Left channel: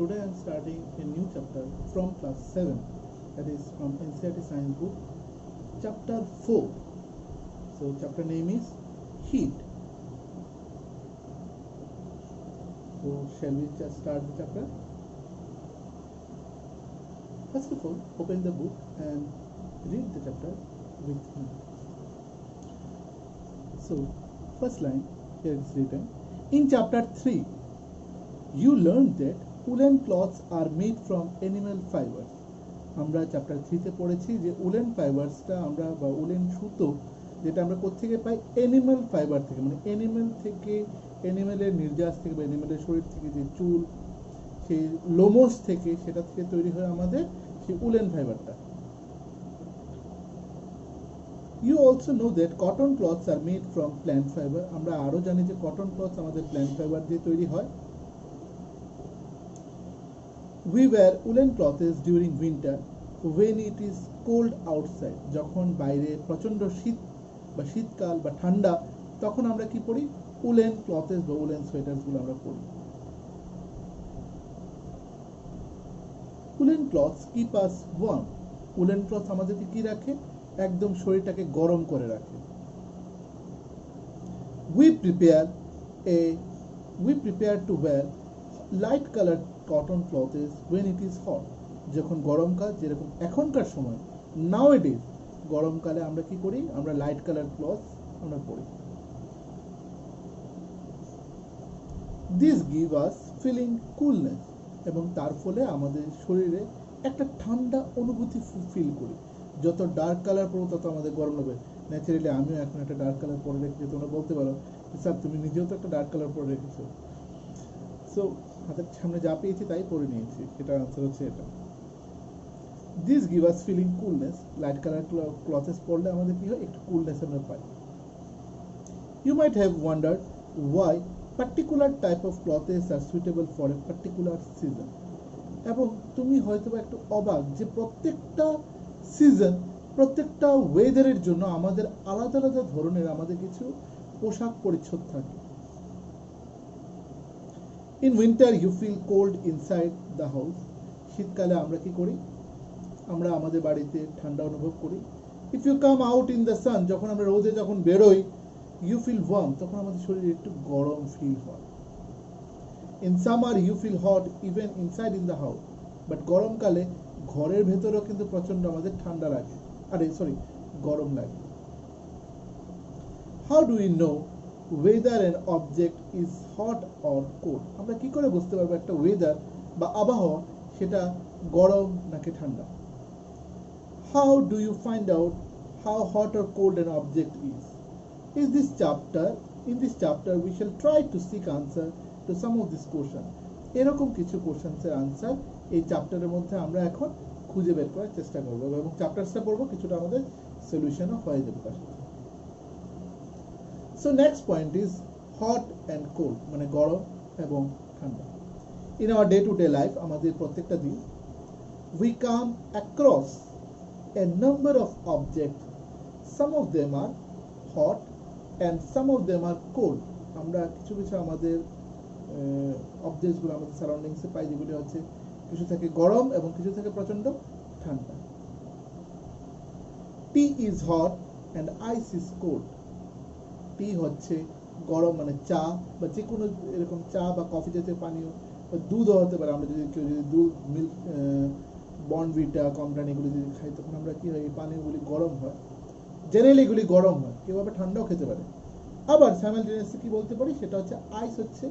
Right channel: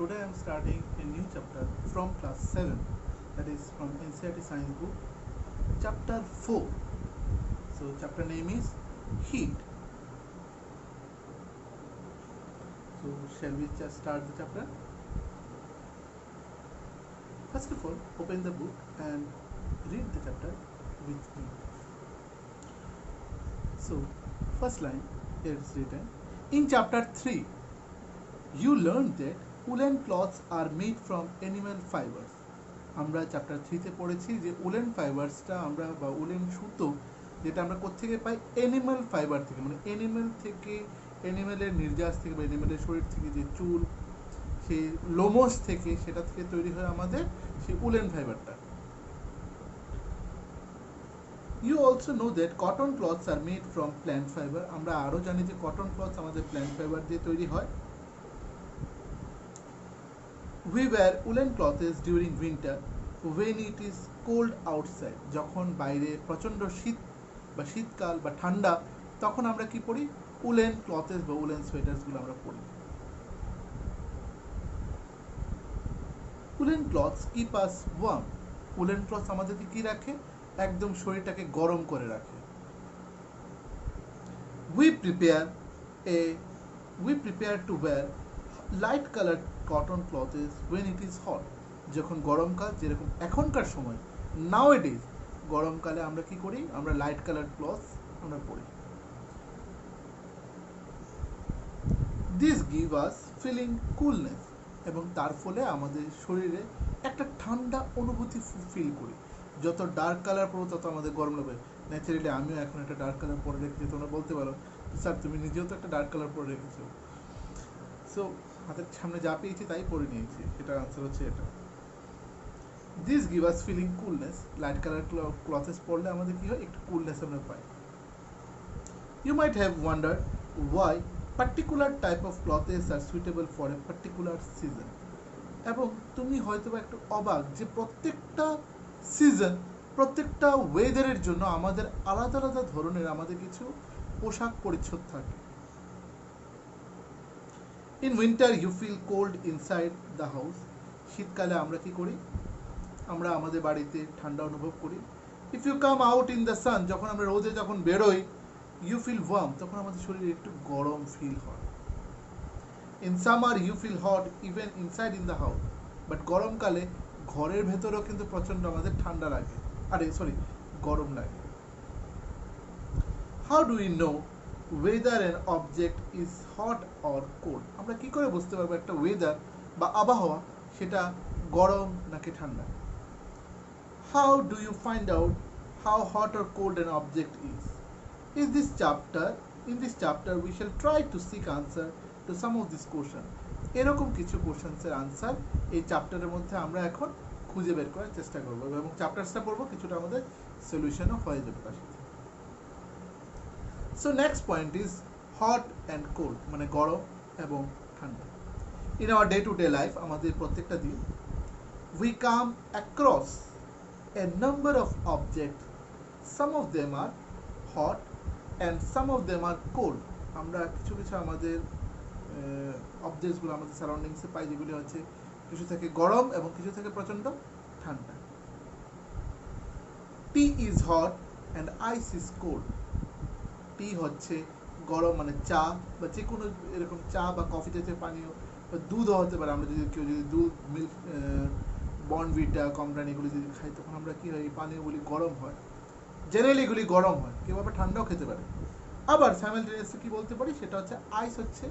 today I am starting a new chapter from class 7, that is from NCERT Science book, chapter 4. So chapter name is Heat. So shall we just start the chapter? First of all, open the book and read the chapter with me. So first line, here it's written, in chapter 3, you learned that woolen cloths are made from animal fibers. আমরা chapter 3 তে পড়েছি যে woollen ফাইবারসটা আমরা বা woollen সুতো যেটা আমরা কোত্থেকে পাই অ্যানিমাল ফাইবার থেকে, মানে অ্যানিমাল থেকে, অ্যানিমালের নির্যাস থেকে বা অ্যানিমালের শরীর থেকে যে চুল, সেই লোমস থেকে, সেটা থেকে তৈরি হয় আমাদের সেই উলেন ফাইবারটা। You also know that cotton cloths are made from plant fiber. আমরা আরো জানি যে কটন ক্লথস আমাদের প্ল্যান্ট ফাইবার দিয়ে তৈরি হয়। We wear woolen clothes during winter when it is cold outside. যখন বাইরে প্রচন্ড শীত বা শীতকাল বা ঠান্ডা, তখন আমরা কি পরি? উলেন ক্লথেস বা উলেন সোয়েটার্সগুলো আমরা পরি। Woollen clothes keep us warm. Woollen clothes আমাদেরকে কি রাখে? একদম শরীরটাকে গরম করে রাখে। We prepare to wear light colour cotton clothes when it is hot. যখন গরমকাল, যেরকম এখনকার সময় নাও ইট ইজ, গরমকালে আমরা কি করি? আমরা লাইট কালার ক্লথ আমরা পরি। This give us feeling coolness, এবং তার ফলে আমাদের শরীরে একটা ঠান্ডা অনুভূতি ফিল করি। যত ডার্ক কালার পরো তত আমাদের গরম লাগবে। ন্যাচারালি আমিও এখন একটা ডার্ক কালার পরে রেখেছি, তোমরা বলতে পারো স্যার তুমি নিজেও তো একটা ডার্ক কালার পরে রেখেছো। সো হাতের সামনে যা পেয়েছি তাই পরে নিয়েছি, সেটার আনসার হচ্ছে এটা। This give us feeling coolness, light colour clothes পরলে আমাদের কি হয়? একটু কুলনেস আমরা পাই। You might have wondered why particular type of clothes are suitable for a particular season. এবং তুমি হয়তো বা একটু অবাক যে প্রত্যেকটা সিজন, প্রত্যেকটা ওয়েদারের জন্য আমাদের আলাদা আলাদা ধরনের আমাদের কিছু পোশাক পরিচ্ছদ থাকে। In winter you feel cold inside the house. শীতকালে আমরা কি করি? আমরা আমাদের বাড়িতে ঠান্ডা অনুভব করি। If you come out in the sun, যখন আমরা রোদে যখন বেরোই, ইউ ফিল ওয়ার্ম, তখন আমাদের শরীরে একটু গরম ফিল হয়। In summer you feel hot even inside in the house. But গরমকালে ঘরের ভেতরেও কিন্তু প্রচন্ড আমাদের ঠান্ডা লাগে, গরম লাগে। How do you know weather and object is hot or cold? আমরা কি করে বুঝতে পারবো একটা ওয়েদার বা আবহাওয়া সেটা গরম নাকি ঠান্ডা? How do you find out how hot or cold an object is? In this chapter we shall try to seek answer to some of these questions. এরকম কিছু কোশ্চেন্সের আনসার এই চ্যাপ্টারের মধ্যে আমরা এখন খুঁজে বের করার চেষ্টা করবো, এবং চ্যাপ্টারসটা পড়বো, কিছুটা আমাদের সলিউশনও হয়ে যাবে তার সাথে। So next point is hot and cold, মানে গরম এবং ঠান্ডা। In our day to day life, আমাদের প্রত্যেকটা দিন, we come across a number of object, some of them are hot and some of them are cold. আমরা কিছু কিছু আমাদের অবজেক্টসগুলো আমাদের সারাউন্ডিংসে পাই, যেগুলি হচ্ছে কিছু থেকে গরম এবং কিছু থেকে প্রচণ্ড ঠান্ডা। Tea is hot and ice is cold. Tea হচ্ছে গরম, মানে চা বা যে কোনো এরকম চা বা কফি জাতীয় পানীয়, বা দুধও হতে পারে। আমরা যদি কেউ যদি দুধ, মিল্ক, বর্নভিটা, কমপ্লান এগুলো যদি খাই, তখন আমরা কি হয়? এই পানীয়গুলি গরম হয়, জেনারেলি এগুলি গরম হয়, কেউ আবার ঠান্ডাও খেতে পারে। আবার সাইমালটেনিয়াসলি কি বলতে পারি? সেটা হচ্ছে আইস হচ্ছে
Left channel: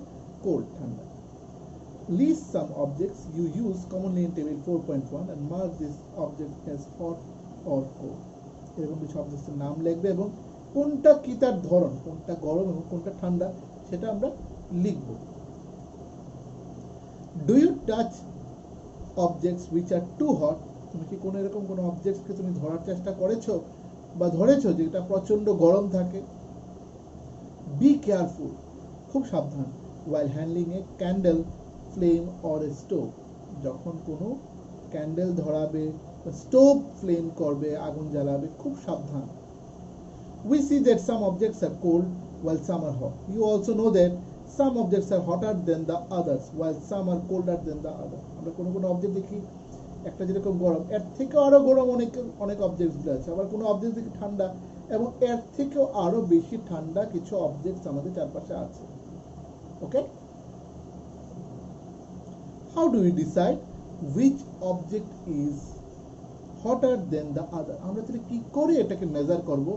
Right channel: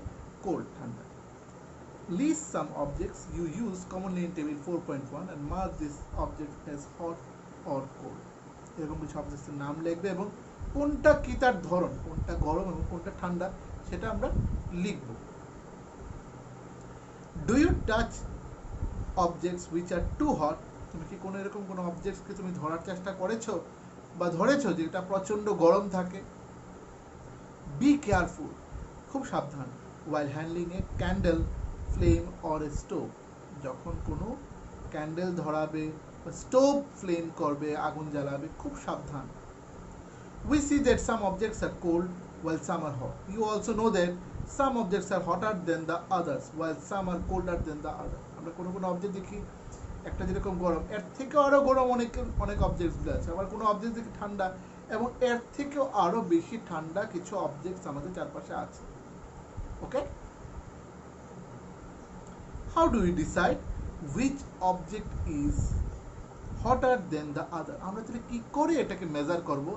কোল্ড, ঠান্ডা। List some objects you use commonly in table 4.1 and mark this object as hot or cold. এরকম কিছু অবজেক্টের নাম লিখবে এবং কোনটা কি তার ধরন, কোনটা গরম এবং কোনটা ঠান্ডা, সেটা আমরা লিখব। Do you touch objects which are too hot? তুমি কি কোনো এরকম কোনো অবজেক্টসকে তুমি ধরার চেষ্টা করেছো বা ধরেছো যেটা প্রচন্ড গরম থাকে? বি কেয়ারফুল, খুব সাবধান, while handling a candle, flame or a stove. যখন কোনো ক্যান্ডেল ধরাবে বা স্টোভ ফ্লেম করবে, আগুন জ্বালাবে, খুব সাবধান। We see that some objects are cold while some are hot. You also know that Some objects are hotter than the others while some are colder than the other. আমরা কোনো কোনো object দেখি একটা যেরকম গরম, এর থেকেও আরো গরম অনেক অনেক অবজেক্টসগুলো আছে, আবার কোনো অবজেক্ট দেখি ঠান্ডা এবং এর থেকেও আরো বেশি ঠান্ডা কিছু অবজেক্টস আমাদের চারপাশে আছে। ওকে, how do we decide which object is hotter than the other? আমরা তাহলে কি করে এটাকে মেজার করব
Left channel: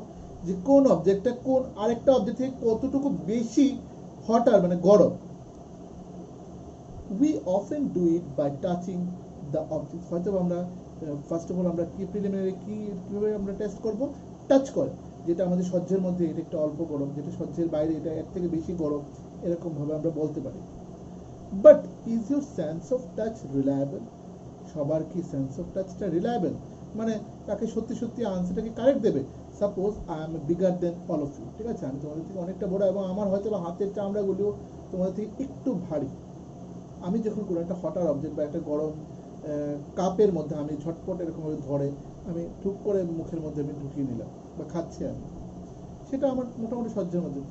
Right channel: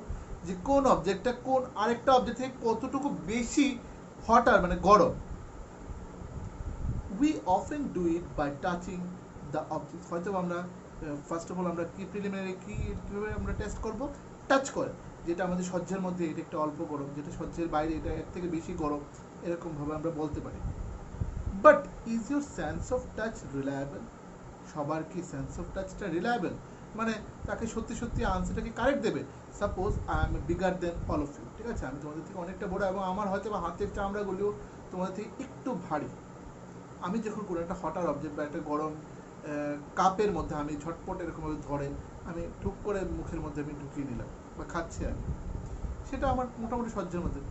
যে কোন অবজেক্টটা কোন আরেকটা অবজেক্ট থেকে কতটুকু বেশি hotter মানে গরম? We often do it by touching the object. হয়তো আমরা ফার্স্ট অফ অল আমরা কি প্রিলিমিনারি কিভাবে আমরা টেস্ট করব, টাচ করে, যেটা আমাদের সহ্যের মধ্যে এটা একটু অল্প গরম, যেটা সহ্যের বাইরে এটা এর থেকে বেশি গরম, এরকম ভাবে আমরা বলতে পারি। But is your sense of touch reliable? সবার কি সেন্স অফ টাচটা রিলায়েবল, মানে তাকে সত্যি সত্যি আনসারটা কি কারেক্ট দেবে? Suppose I am bigger than all of you, ঠিক আছে, আমি তোমাদের থেকে অনেকটা বড় এবং আমার হয়তো বা হাতের চামড়াগুলিও তোমাদের থেকে একটু ভারী। আমি যখন কোনো একটা হটার অবজেক্ট বা একটা গরম কাপের মধ্যে আমি ঝটপট এরকমভাবে ধরে আমি ঠুক করে মুখের মধ্যে আমি ঢুকিয়ে নিলাম বা খাচ্ছি আমি, সেটা আমার মোটামুটি সহ্যের মধ্যে।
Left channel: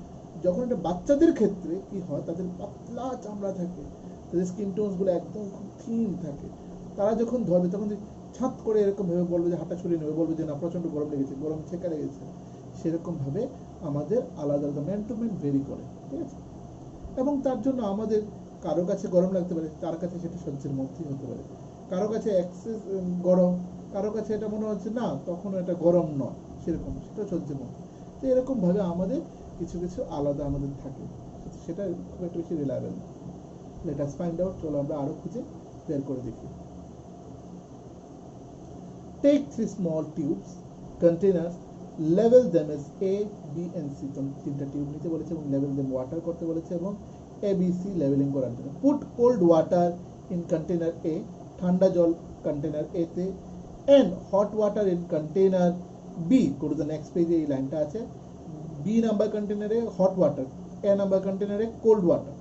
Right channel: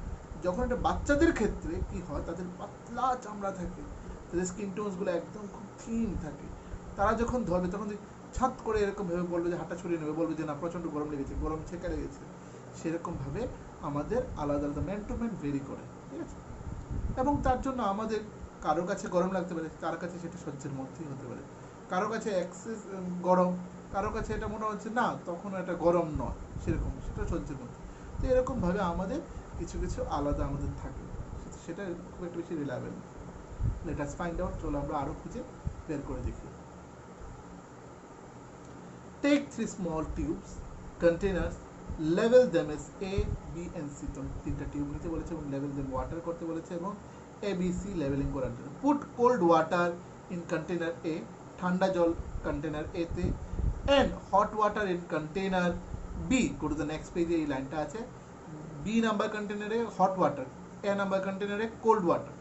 যখন একটা বাচ্চাদের ক্ষেত্রে কি হয়, তাদের পাতলা চামড়া থাকে, তাদের স্কিন টোনসগুলো একদম খুব থিন থাকে, তারা যখন ধরবে তখন ছাত করে এরকম ভেবে বলবে যে হাতটা ছড়িয়ে নেবে, বলবে যে না প্রচণ্ড গরম লেগেছে, গরম ছেঁকা লেগেছে। সেরকমভাবে আমাদের আলাদা আলাদা ম্যান টু ম্যান ভেরি করে, ঠিক আছে। এবং তার জন্য আমাদের কারো কাছে গরম লাগতে পারে, কার কাছে সেটা সহ্যের মধ্যেই হতে পারে, কারো কাছে এক্সেস গরম, কারো কাছে এটা মনে হচ্ছে না তখন এটা গরম নয়, সেরকম সেটা সহ্যের মধ্যে। তো এরকমভাবে আমাদের কিছু কিছু আলাদা আমাদের থাকে, সেটা খুব একটা বেশি রিলায়েবল না। লেট আস ফাইন্ড আউট, চলো আমরা আরো খুঁজে বের করে দেখি। Take 3 small tubes, containers, level them as A, B and C. তিনটা টিউব নিতে বলেছে এবং level them water করতে বলেছে এবং A, B, C লেভেলিং করার জন্য। Put cold water in container A, ঠান্ডা জল কন্টেনার A তে, and hot water in container B. Go to the next page, এই লাইনটা আছে। B নাম্বার কন্টেনারে hot water, A নাম্বার কন্টেনারে cold water.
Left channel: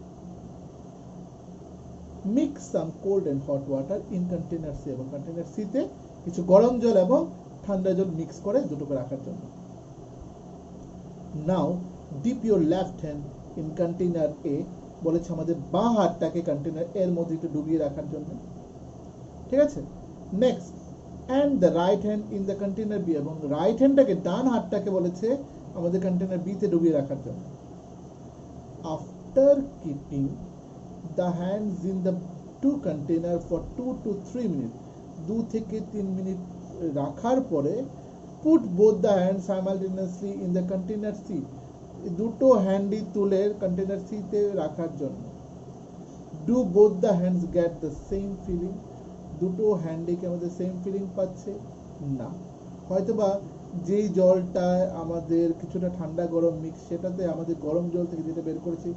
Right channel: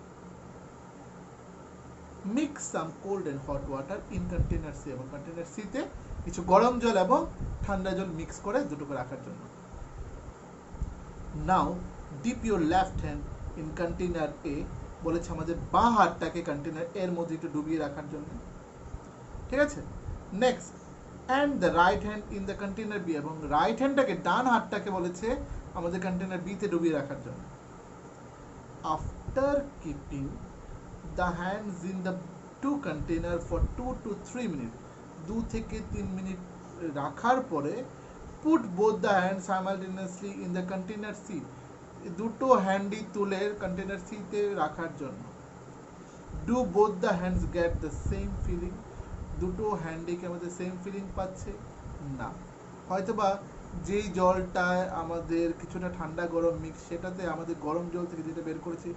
Mix some cold and hot water in container C, এবং container C তে কিছু গরম জল এবং ঠান্ডা জল মিক্স করে দুটোকে রাখার জন্য। Now dip your left hand in container A, বলেছে আমাদের বাঁ হাতটাকে কন্টেনার এর মধ্যে একটু ডুবিয়ে রাখার জন্য, ঠিক আছে। Next, and the right hand in the container B, এবং রাইট হ্যান্ডটাকে ডান হাতটাকে বলেছে আমাদের কন্টেনার বি তে ডুবিয়ে রাখার জন্য। After keeping the hands in the two container for 2 to 3 minutes, 2 থেকে 3 মিনিট রাখার পরে put both the hand simultaneously in the container C, দুটো হ্যান্ডই তুলে কন্টেনার সি তে রাখার জন্য। Do both the hands get the same feeling, দুটো হ্যান্ডে কি আমাদের সেম ফিলিং পাচ্ছে? না, হয়তোবা যেই জলটা আমাদের কিছুটা ঠান্ডা গরম মিক্স, সেটাতে আমাদের গরম জল থেকে যেটা বের করেছি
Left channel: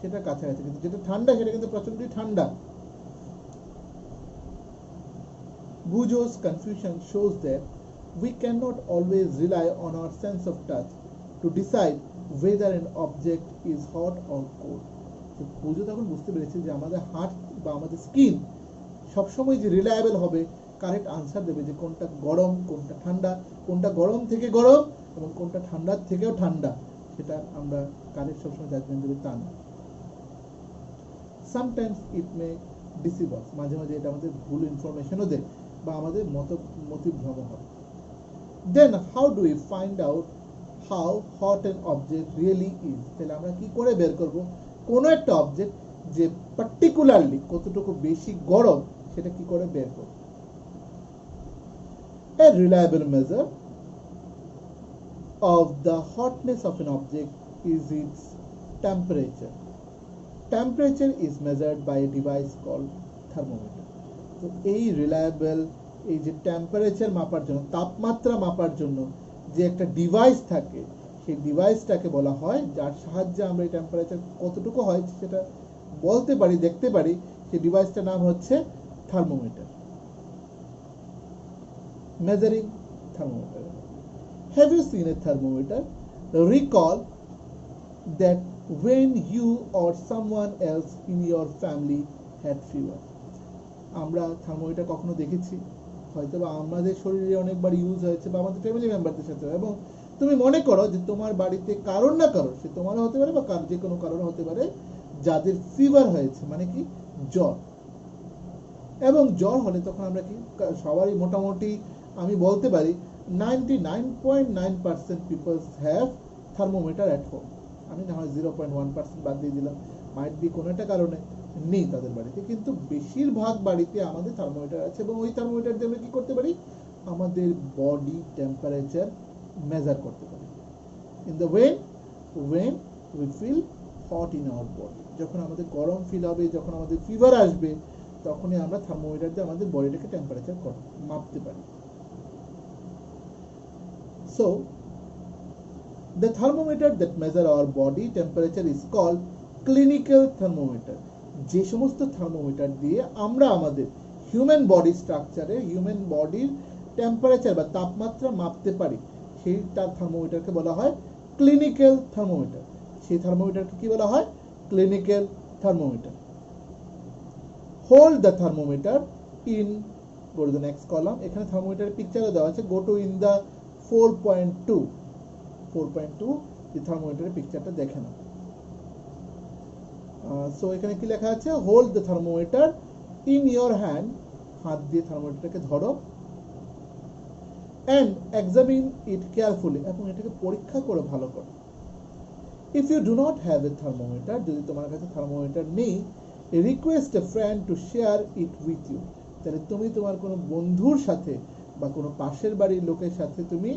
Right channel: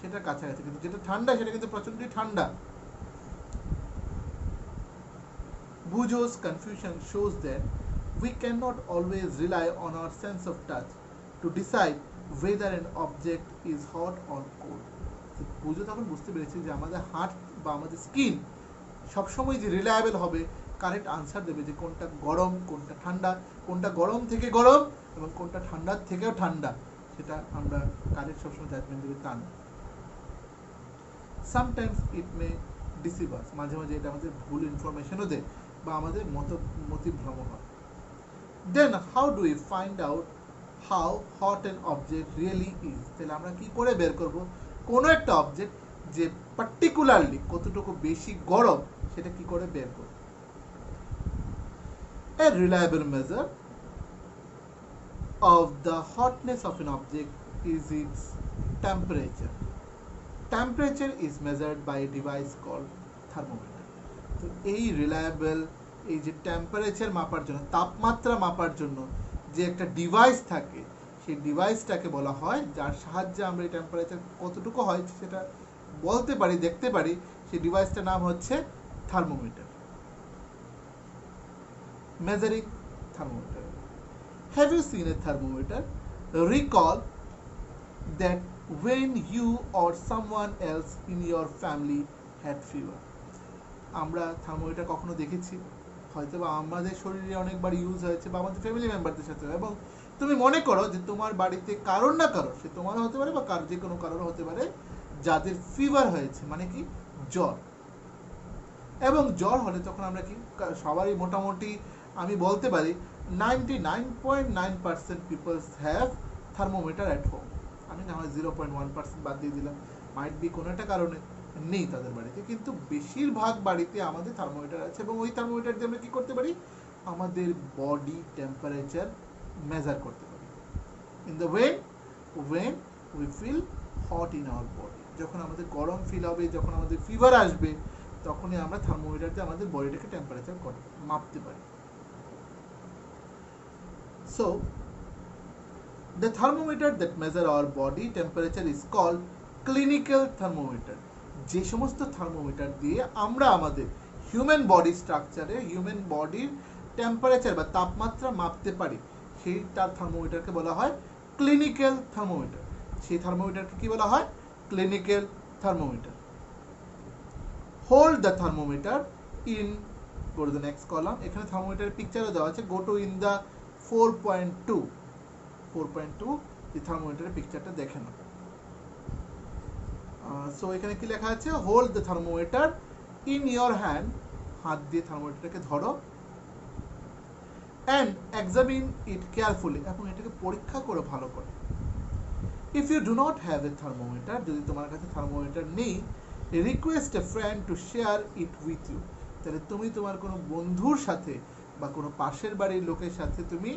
সেটা কাছাকাছি, কিন্তু যেটা ঠান্ডা সেটা কিন্তু প্রচণ্ডই ঠান্ডা। Bujo's confusion shows that we cannot always rely on our sense of touch to decide whether an object is hot or cold. তো বুজো তখন বুঝতে পেরেছে যে আমাদের হাত বা আমাদের স্কিন সবসময় যে রিলায়েবল হবে, কারেক্ট আনসার দেবে যে কোনটা গরম কোনটা ঠান্ডা, কোনটা গরম থেকে গরম এবং কোনটা ঠান্ডার থেকেও ঠান্ডা, সেটা আমরা কারেক্ট সবসময় জাজমেন্ট দেবে তা না। সামটাইমস ইট মে ডিসিভ আস, মাঝে মাঝে এটা আমাদের ভুল ইনফরমেশনও দেয় বা আমাদের মতিভ্রম হয়। Then how do we find out how hot an object really is? তাহলে আমরা কি করে বের করব কোনো একটা অবজেক্ট যে পার্টিকুলারলি কতটুকু বেশি গরম, সেটা কি করে বের করব? A reliable measure of the hotness of an object is its temperature. Temperature is measured by a device called thermometer. তো এই রিলায়েবল, এই যে টেম্পারেচার মাপার জন্য, তাপমাত্রা মাপার জন্য যে একটা ডিভাইস থাকে, সেই ডিভাইসটাকে বলা হয়, যার সাহায্যে আমরা এই টেম্পারেচার কতটুকু হয় সেটা বলতে পারি, দেখতে পারি, সেই ডিভাইসটার নাম হচ্ছে thermometer, measuring thermometer. Have you seen a thermometer? Recall that when you or someone else in your family had fever. আমরা থার্মোমিটার কখনো দেখেছি, হয়তো বা আমাদের শরীরে অনেকবার ইউজ হয়েছে বা আমাদের ফ্যামিলি মেম্বারদের সাথে, এবং তুমি মনে করো যে তোমার বাড়িতে কারোর না কারোর, সে তোমারও হতে পারে বা যে কোনো কারোর হতে পারে, যাদের ফিভার হয়েছে, মানে কি জ্বর। এবং জ্বর হলে তখন আমরা কি সবারই মোটামুটি আমি বলতে পারি 99.9% peoples have thermometer at home. আমি না হয় 0.1% বাদ দিয়ে দিলাম, মাইট বি কোনো একটা কারণে নেই তাদের বাড়িতে, কিন্তু বেশিরভাগ বাড়িতে আমাদের থার্মোমিটার আছে। এবং ওই থার্মোমিটার দিয়ে আমরা কি করতে পারি, আমাদের বডি টেম্পারেচার মেজার করতে পারি। In the when we feel hot in our body, যখন আমাদের গরম ফিল হবে, যখন আমাদের ফিভার আসবে, তখনই আমরা থার্মোমিটার দিয়ে আমাদের বডিটাকে টেম্পারেচার মাপতে পারি। So the thermometer that measure our body temperature is called clinical thermometer. যে সমস্ত থার্মোমিটার দিয়ে আমরা আমাদের হিউম্যান বডি স্ট্রাকচারে, হিউম্যান বডির টেম্পারেচার বা তাপমাত্রা মাপতে পারি, সেই তার থার্মোমিটারকে বলা হয় ক্লিনিক্যাল থার্মোমিটার। সেই থার্মোমিটারকে কি বলা হয়, clinical thermometer. Hold the thermometer in, go to the next column, এখানে থার্মোমিটারের পিকচারও দেওয়া আছে, go to in the 4.2 এই থার্মোমিটারের পিকচারটা দেখে নাও। সো এখানে কি লেখা আছে, hold the thermometer in your hand, হাত দিয়ে থার্মোমিটারকে ধরো, অ্যান্ড এক্সামিন ইট কেয়ারফুলি, এবং এটাকে পরীক্ষা করো ভালো করে। If you do not have a thermometer, যদি তোমার কাছে থার্মোমিটার নেই, request a friend to share it with you, তাহলে তুমি তোমার কোনো বন্ধুর সাথে বা কোনো পাশের বাড়ির লোকের সাথে তুমি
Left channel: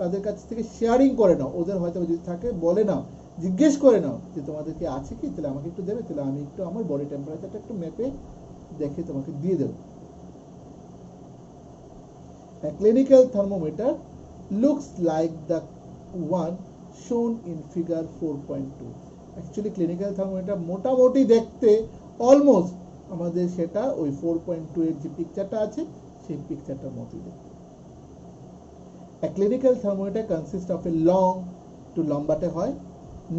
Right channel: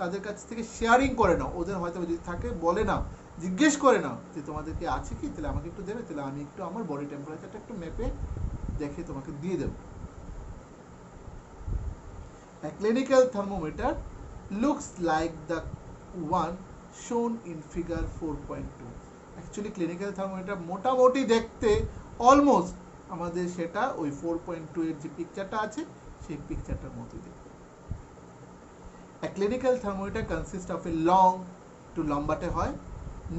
তাদের কাছ থেকে শেয়ারিং করে নাও। ওদের হয়তো যদি থাকে বলে নাও, জিজ্ঞেস করে নাও যে তোমাদের কি আছে কি, তাহলে আমাকে একটু দেবে, তাহলে আমি একটু আমার বডি টেম্পারেচারটা একটু মেপে দেখে তোমাকে দিয়ে দেবো। A clinical thermometer looks like the one shown in figure 4.2. Actually clinical thermometer মোটামুটি দেখতে অলমোস্ট আমাদের সেটা ওই 4.2 এর যে পিকচারটা আছে সেই পিকচারটার মতোই দেখতে। A clinical thermometer consists of a long, একটু লম্বাটে হয়,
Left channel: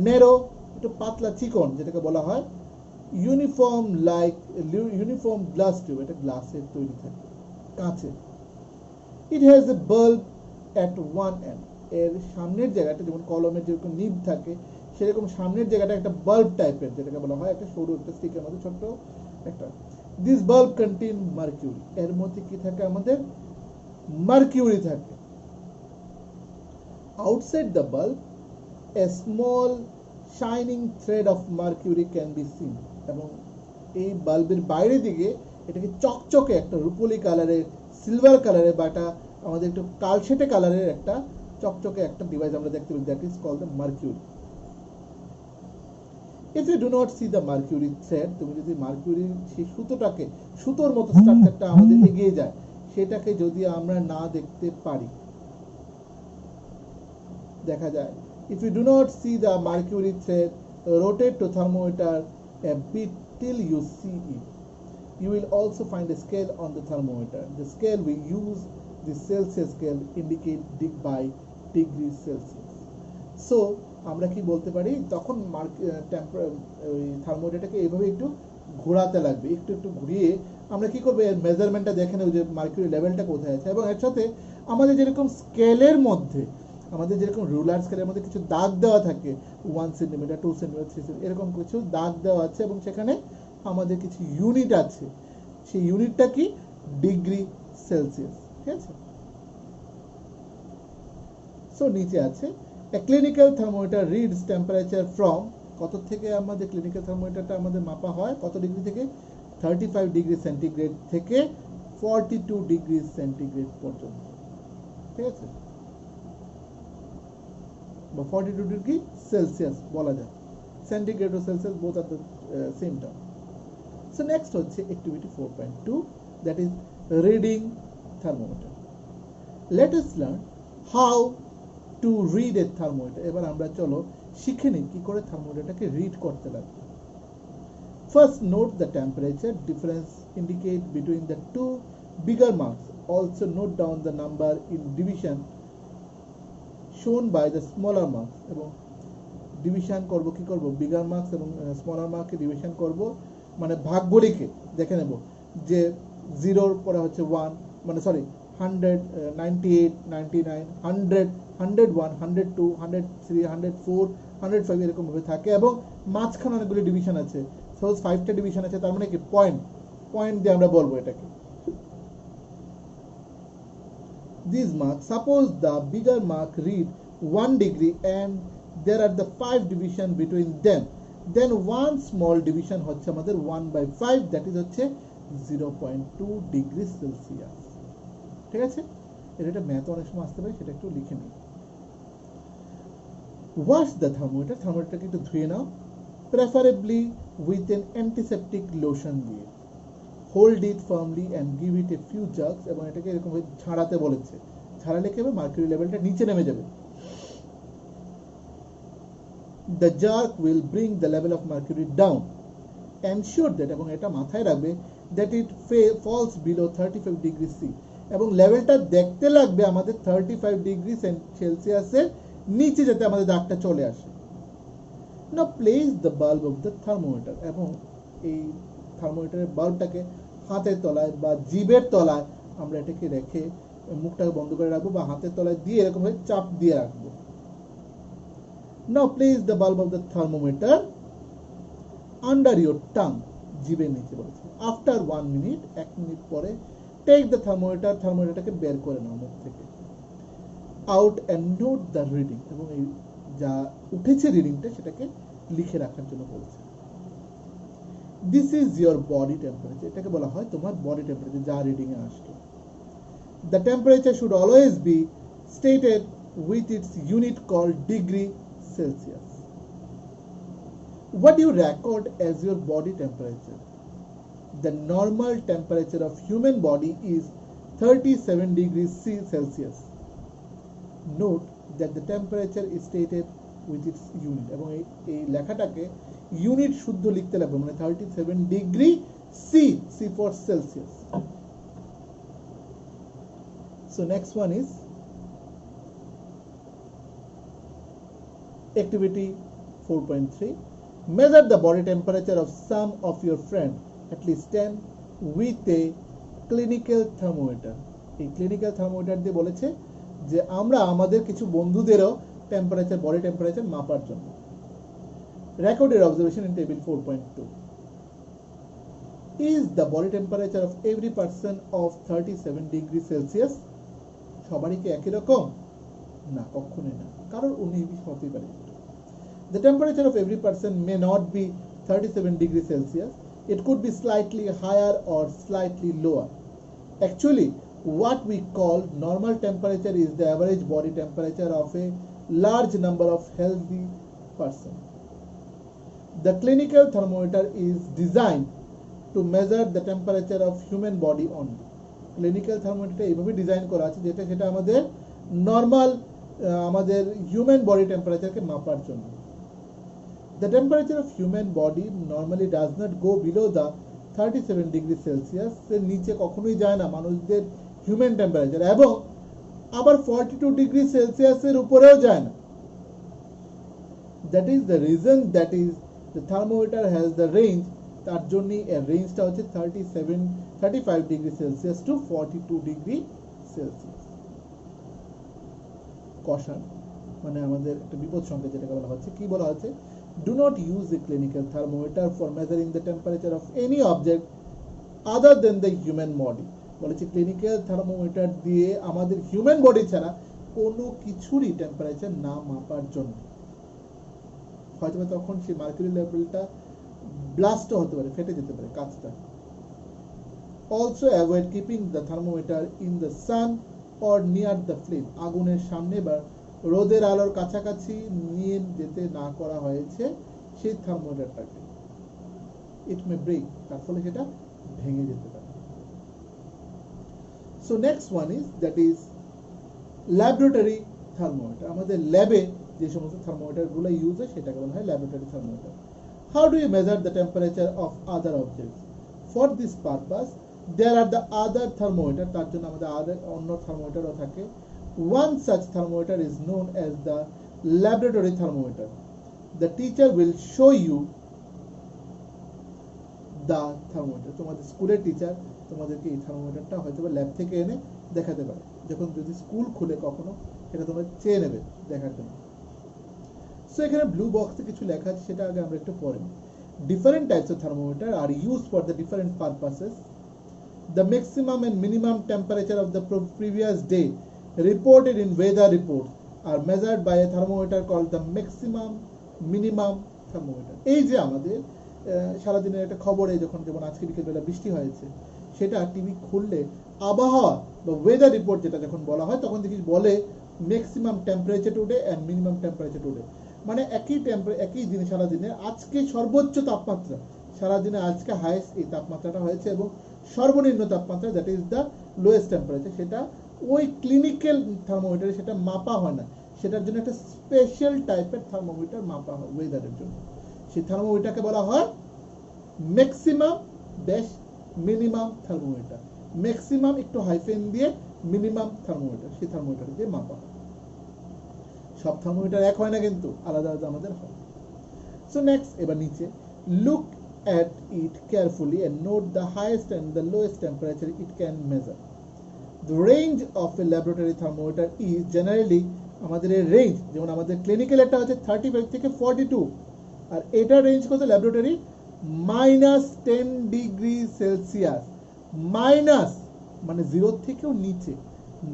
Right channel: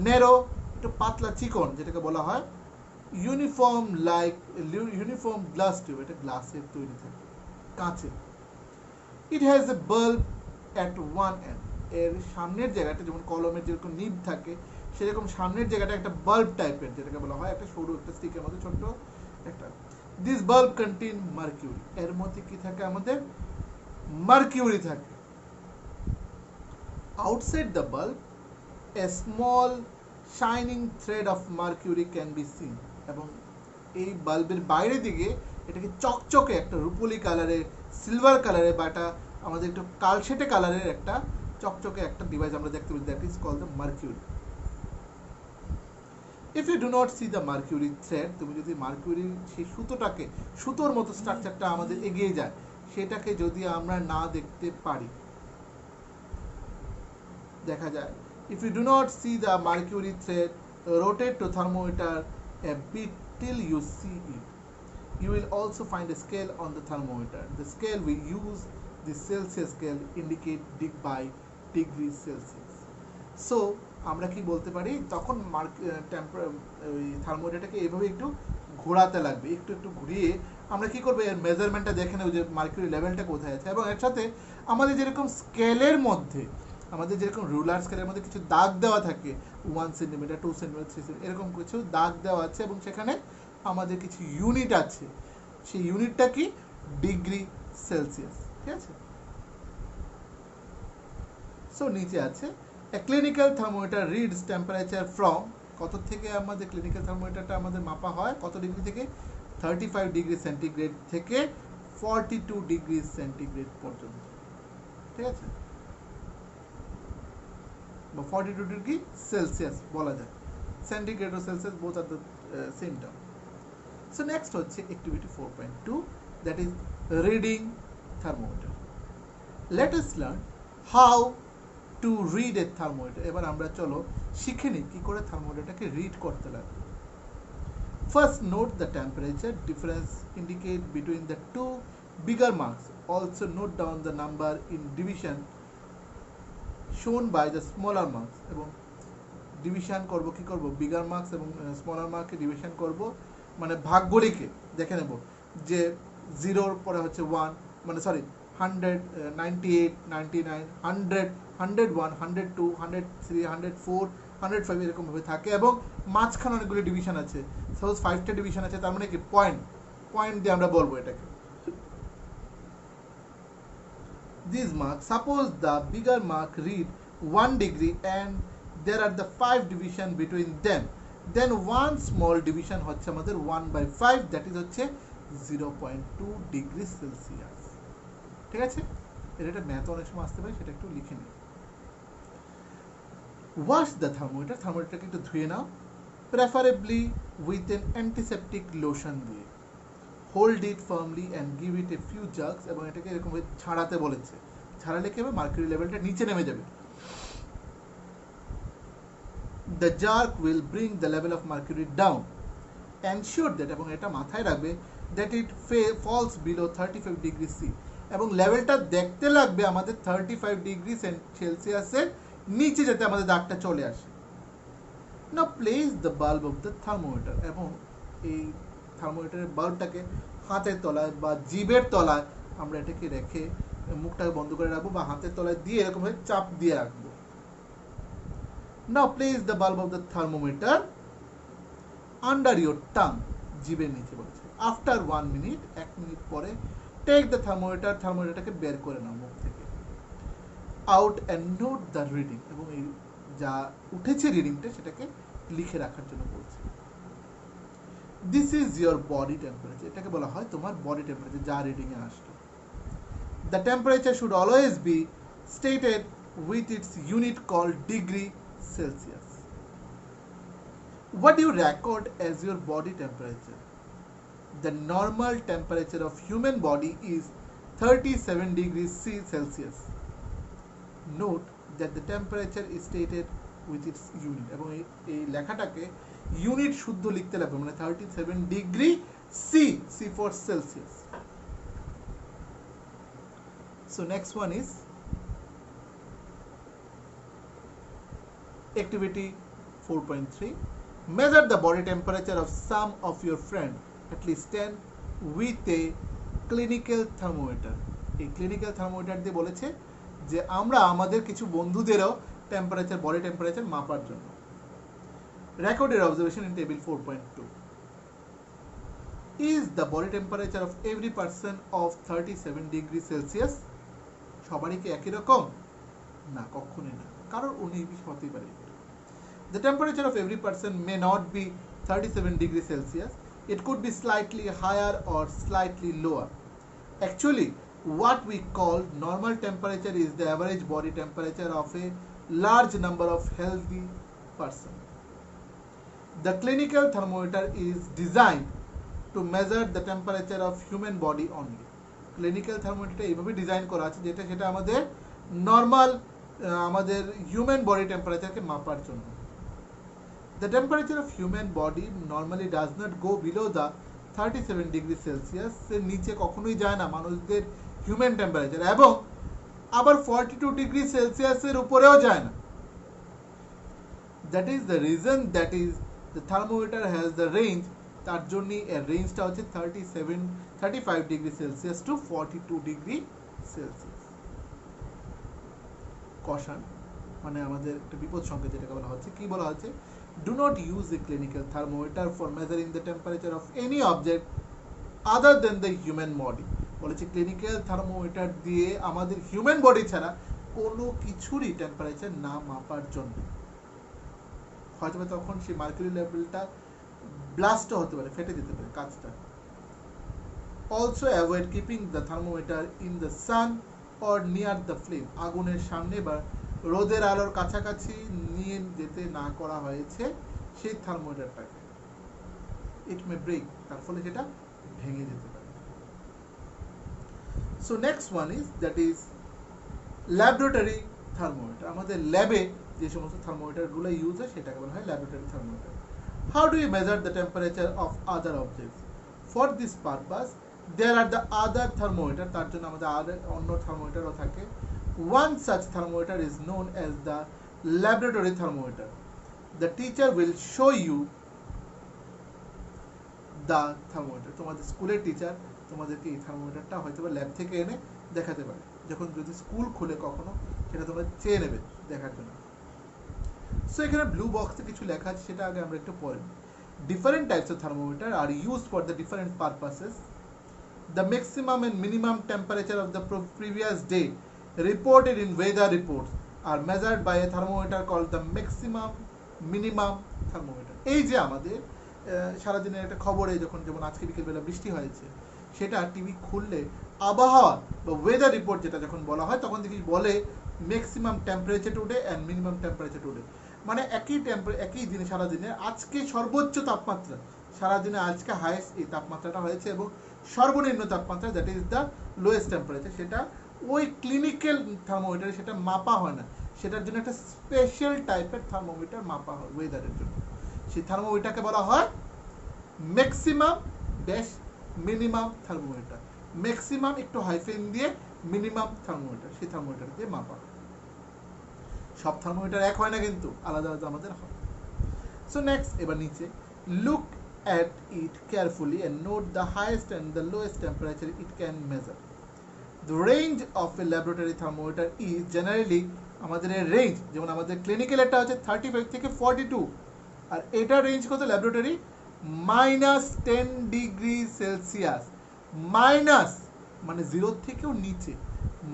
narrow, একটু পাতলা চিকন যেটাকে বলা হয়, ইউনিফর্ম গ্লাস টিউব, এটা গ্লাসের তৈরি থাকে, কাঁচের। It has a bulb at one end. এর সামনের জায়গাটা যেমন কলমের যেরকম নিব থাকে, সেরকম সামনের জায়গাটা একটা বাল্ব টাইপের, যেটাকে বলা হয় একটা সরু একটা স্টিকের মধ্যে ছোট্ট একটা। This bulb contain mercury. এর মধ্যে কি থাকে, আমাদের মার্কিউরি থাকে। Outside the bulb, a small shining thread of mercury can be seen. এবং এই বাল্বের বাইরে দিকে এটাকে চকচকে একটা রূপোলি কালারের, সিলভার কালারের, বা একটা আমাদের একটু কালশেটে কালারের একটা চকচকে একটা ডিভাইস আমরা দেখতে পাই, that is called the mercury. If you do not see the mercury thread, তুমি যদি মার্কিউরির সেই সুতোটাকে, সুতোর মতো স্ট্রাকচারটা আমাদের এগিয়ে যায়, সেটাকে যদি আমরা না দেখতে পারি, দেখা যায়, if you do not see the mercury thread, rotate to thermometer a bit till you see it. You will also find a scale on the thermometer. The scale we use, the Celsius scale, indicate by degree Celsius. So আমরা কি বলতে পারি, তখন থার্মোমিটারটাকে এইভাবে একটু ঘোরাতে লাগবে, একটু একটু ঘুরিয়ে আমরা কি করবো, এর মেজারমেন্টটা দেখে নেব যে মার্কিউরি লেভেলটা কোথায় আছে। এবং এর সাথে আমাদের যেরকম স্কেলের মধ্যে, আমাদের যেরকম রুলার স্কেলের মধ্যে কিছু দাগ দেওয়া থাকে, 1 সেন্টিমিটার, 2 সেন্টিমিটার, 3 সেন্টিমিটার, এরকম কিছু দাগ দেওয়া আছে, এবং সেখানে আমাদের কিছু ইউনিট আছে, সেই ইউনিটটা কি, ডিগ্রি সেলসিয়াস, ঠিক আছে। সো নিচে আছে, a clinical thermometer reads temperature from, কত থেকে আমাদের ক্লিনিক্যাল থার্মোমিটারটা আমাদের মাপা হয়, কত ডিগ্রি থেকে, 35 ডিগ্রি সেন্টিগ্রেড থেকে 42 ডিগ্রি সেন্টিগ্রেড পর্যন্ত, ঠিক আছে, বা 42 ডিগ্রি সেলসিয়াস বলা যায়, সেন্টিগ্রেড ও Celsius both are the same term. So next হচ্ছে activity 4.2, that is reading thermometer. Let us learn how to read a thermometer. এবার আমরা চলো শিখে নিই কি করে থার্মোমিটারটাকে রিড করতে লাগবে। First note the temperature difference indicate between the two bigger marks. Also note down the number in division shown by the smaller marks. এবং ডিভিশন করব, কি করব, বিগার মার্কস এবং স্মলার মার্ককে ডিভিশন করব, মানে ভাগগুলিকে দেখে নেব যে 0 পরে হচ্ছে 1, মানে সরি 100, 98, 99, 100, 101, 102, 103, 104, 105 এরকম ভাবে থাকে এবং মাঝখানে অনেকগুলো ডিভিশন আছে। সাপোজ 5টা ডিভিশন আছে, তার মানে কি পয়েন্ট দিয়ে আমরা বলবো এটাকে। These marks, suppose the bigger mark read 1 degree and there are the 5 division between them, then one small division হচ্ছে আমাদের 1/5, that is হচ্ছে 0.2 ডিগ্রি সেলসিয়াস। ঠিক আছে, এর একটা ম্যাথ অনেক সময় আসতে পারে, সেটা একটু লিখে নিই। ওয়াশ দ্য থার্মোমিটার, থার্মোমিটারকে একটু ধুয়ে নাও, preferably with an antiseptic lotion দিয়ে। Hold it firmly and give it a few jerks, এবং এটাকে এরকম ছাড়াতে বলেছে। ছাড়ালে কি হবে, মার্কুরি লেভেলটা নিচে নেমে যাবে। The jerk will bring the level of mercury down. Ensure that, এবং এটা মাথায় রাখবে, that it falls below 35 degree C, এবং লেভেলটা দেখতে লাগবে আমাদের 35 ডিগ্রি সেলসিয়াসের নিচে, যাতে আমাদের দাগটা চলে আসে। Now place the bulb of the thermometer, এবং এই থার্মোমিটারের বাল্বটাকে হাতের তলায় বা জিভের তলায় আমরা এটাকে রেখে মুখটাকে বন্ধ করে রাখবো, বা হাতের তলায় দিয়ে এরকম ভাবে চাপ দিয়ে রাখবো। Now place the bulb of the thermometer under your tongue, জিভের নিচে বলেছে। আফটার 1 মিনিট, 1 মিনিট পরে, টেক দ্য থার্মোমিটারটাকে বের করে নাও মুখ থেকে। Out and note the reading, এবং এই যা উঠেছে রিডিংটা সেটাকে লিখে রাখার জন্য বলছে। This is your body temperature, এটাকে বলা হয় তোমার বডি টেম্পারেচার, যা রিডিং এ আসলো। The temperature should always be stated with its unit called degree Celsius. What do you record as your body temperature? The normal temperature of human body is 37 degrees Celsius. Note that the temperature is stated with its unit, এবং এই লেখাটাকে unit শুদ্ধ লিখতে লাগবে, মানে 37 degree C for Celsius. So next one is activity 4.3. Measure the body temperature of some of your friends, at least 10, with a clinical thermometer. এই clinical thermometer দিয়ে বলেছে যে আমরা আমাদের কিছু বন্ধুদেরও বডি টেম্পারেচার মাপার জন্য। Record your observation in table 4.2. Is the body temperature of every person of 37 degree Celsius? সবারই কি একই রকম? না, কখনোই না, কারণ 19 হতেই পারে। The temperature of every person may not be 37 degrees Celsius. It could be slightly higher or slightly lower. Actually, what we call normal temperature is the average body temperature of a large number of healthy persons. The clinical thermometer is designed to measure the temperature of human body only. Clinical thermometer এইভাবে design করা আছে যেটা সেটা আমাদের normal আমাদের human body টেম্পারেচারকে মাপার জন্য। The temperature of human body normally does not go below the 37 degree Celsius, এর নিচে কখনোই যায় না মানুষদের হিউম্যান টেম্পারেচার, এবং আবার 42 ডিগ্রি সেলসিয়াসের উপরেও যায় না। That is the reason that is the thermometer has the range, তার জন্য এর রেঞ্জটা হচ্ছে 35 degree Celsius to 42 degree Celsius. Caution, মানে আমাদের একটা বিপদ সংকেত যেটাকে বলা হচ্ছে। কি বলা হচ্ছে? Do not use a clinical thermometer for measuring the temperature of any object other than the human body. বলেছে ক্লিনিক্যাল থার্মোমিটার দিয়ে আমাদের হিউম্যান বডি ছাড়া কোনো কিছুরই টেম্পারেচার না মাপার জন্য। হয়তো তখন সেই মার্কুরি লেভেলটা ব্লাস্টও হতে পারে, ফেটে যেতে পারে কাঁচটা। Also avoid keeping the thermometer in the sun or near the flame. আগুনের সামনে বা রোদের আলোর কাছাকাছি নিয়ে যেতে না করা হয়েছে সেই থার্মোমিটারটাকে। ইট মে ব্রেক, তার ফলে সেটা ভেঙে যেতে পারে। So next one is that is laboratory thermometer. আমাদের ল্যাবে যে সমস্ত থার্মোমিটারগুলো ইউজ হয় সেটাকে বলা হয় laboratory thermometer. How do you measure the temperature of other objects? For this purpose there are the other thermometer, তার জন্য আমাদের অন্য থার্মোমিটারও থাকে। One such thermometer is known as the laboratory thermometer. The teacher will show you the thermometer. তোমাদের স্কুলের teacher তোমাদেরকে এই থার্মোমিটারটা হয়তো ল্যাব থেকে এনে দেখাতে পারে, যখন যদি স্কুল খুলে কখনো সেটা তোমরা চেয়ে নেবে দেখার জন্য। সো এখানে ব্লু বক্সে কিছু লেখা আছে, সেটা আগে আমরা একটু পড়ে নিই। Different types of thermometer are use for the different purposes. The maximum and minimum temperature of the previous day reported in weather reports are measured by a thermometer called the maximum minimum thermometer. এই যে আমাদের সারাদিনের একটা খবরে যখন যেমন আজকে বিকেলবেলা বৃষ্টি হয়েছে, সেটা টিভি খুললে আবহাওয়া বা ওয়েদার রিপোর্ট যেটা যখন বলা হয় তখন দেখি বলে maximum temperature today and minimum temperature today, মানে একই দিনে সারাদিনে আজকে সর্বোচ্চ তাপমাত্রা, সারাদিনে আজকে হাইয়েস্ট এই তাপমাত্রাটা হয়েছে, এবং সর্বনিম্ন তাপমাত্রা that is the lowest temperature, সেটা ওই ক্লিনিক্যাল থার্মোমিটারে সেটা মাপা হয় না, সেটার জন্য একটা স্পেশাল টাইপের থার্মোমিটার মাপা হয় ওয়েদারের জন্য। সেই থার্মোমিটারকে বলা হয় maximum dash minimum thermometer. Maximum একটু হাইফেন দিয়ে মিনিমাম থার্মোমিটার, সেই থার্মোমিটার দিয়ে মাপা হয়। সব থার্মোমিটার এক হয় না, কিন্তু আলাদা আলাদা আমাদের হয়। সো নেক্সট, এবার নিচে, look at it carefully and note the highest and the lowest temperature it can measure. The range of a laboratory thermometer is generally, আমাদের এই রেঞ্জ যেমন আমাদের ক্লিনিক্যাল এটা হচ্ছে 35 থেকে 42, আর এটা রেঞ্জ কত ল্যাবরেটরি -10 ডিগ্রি সেলসিয়াস, মাইনাস মানে 0 থেকেও নিচে,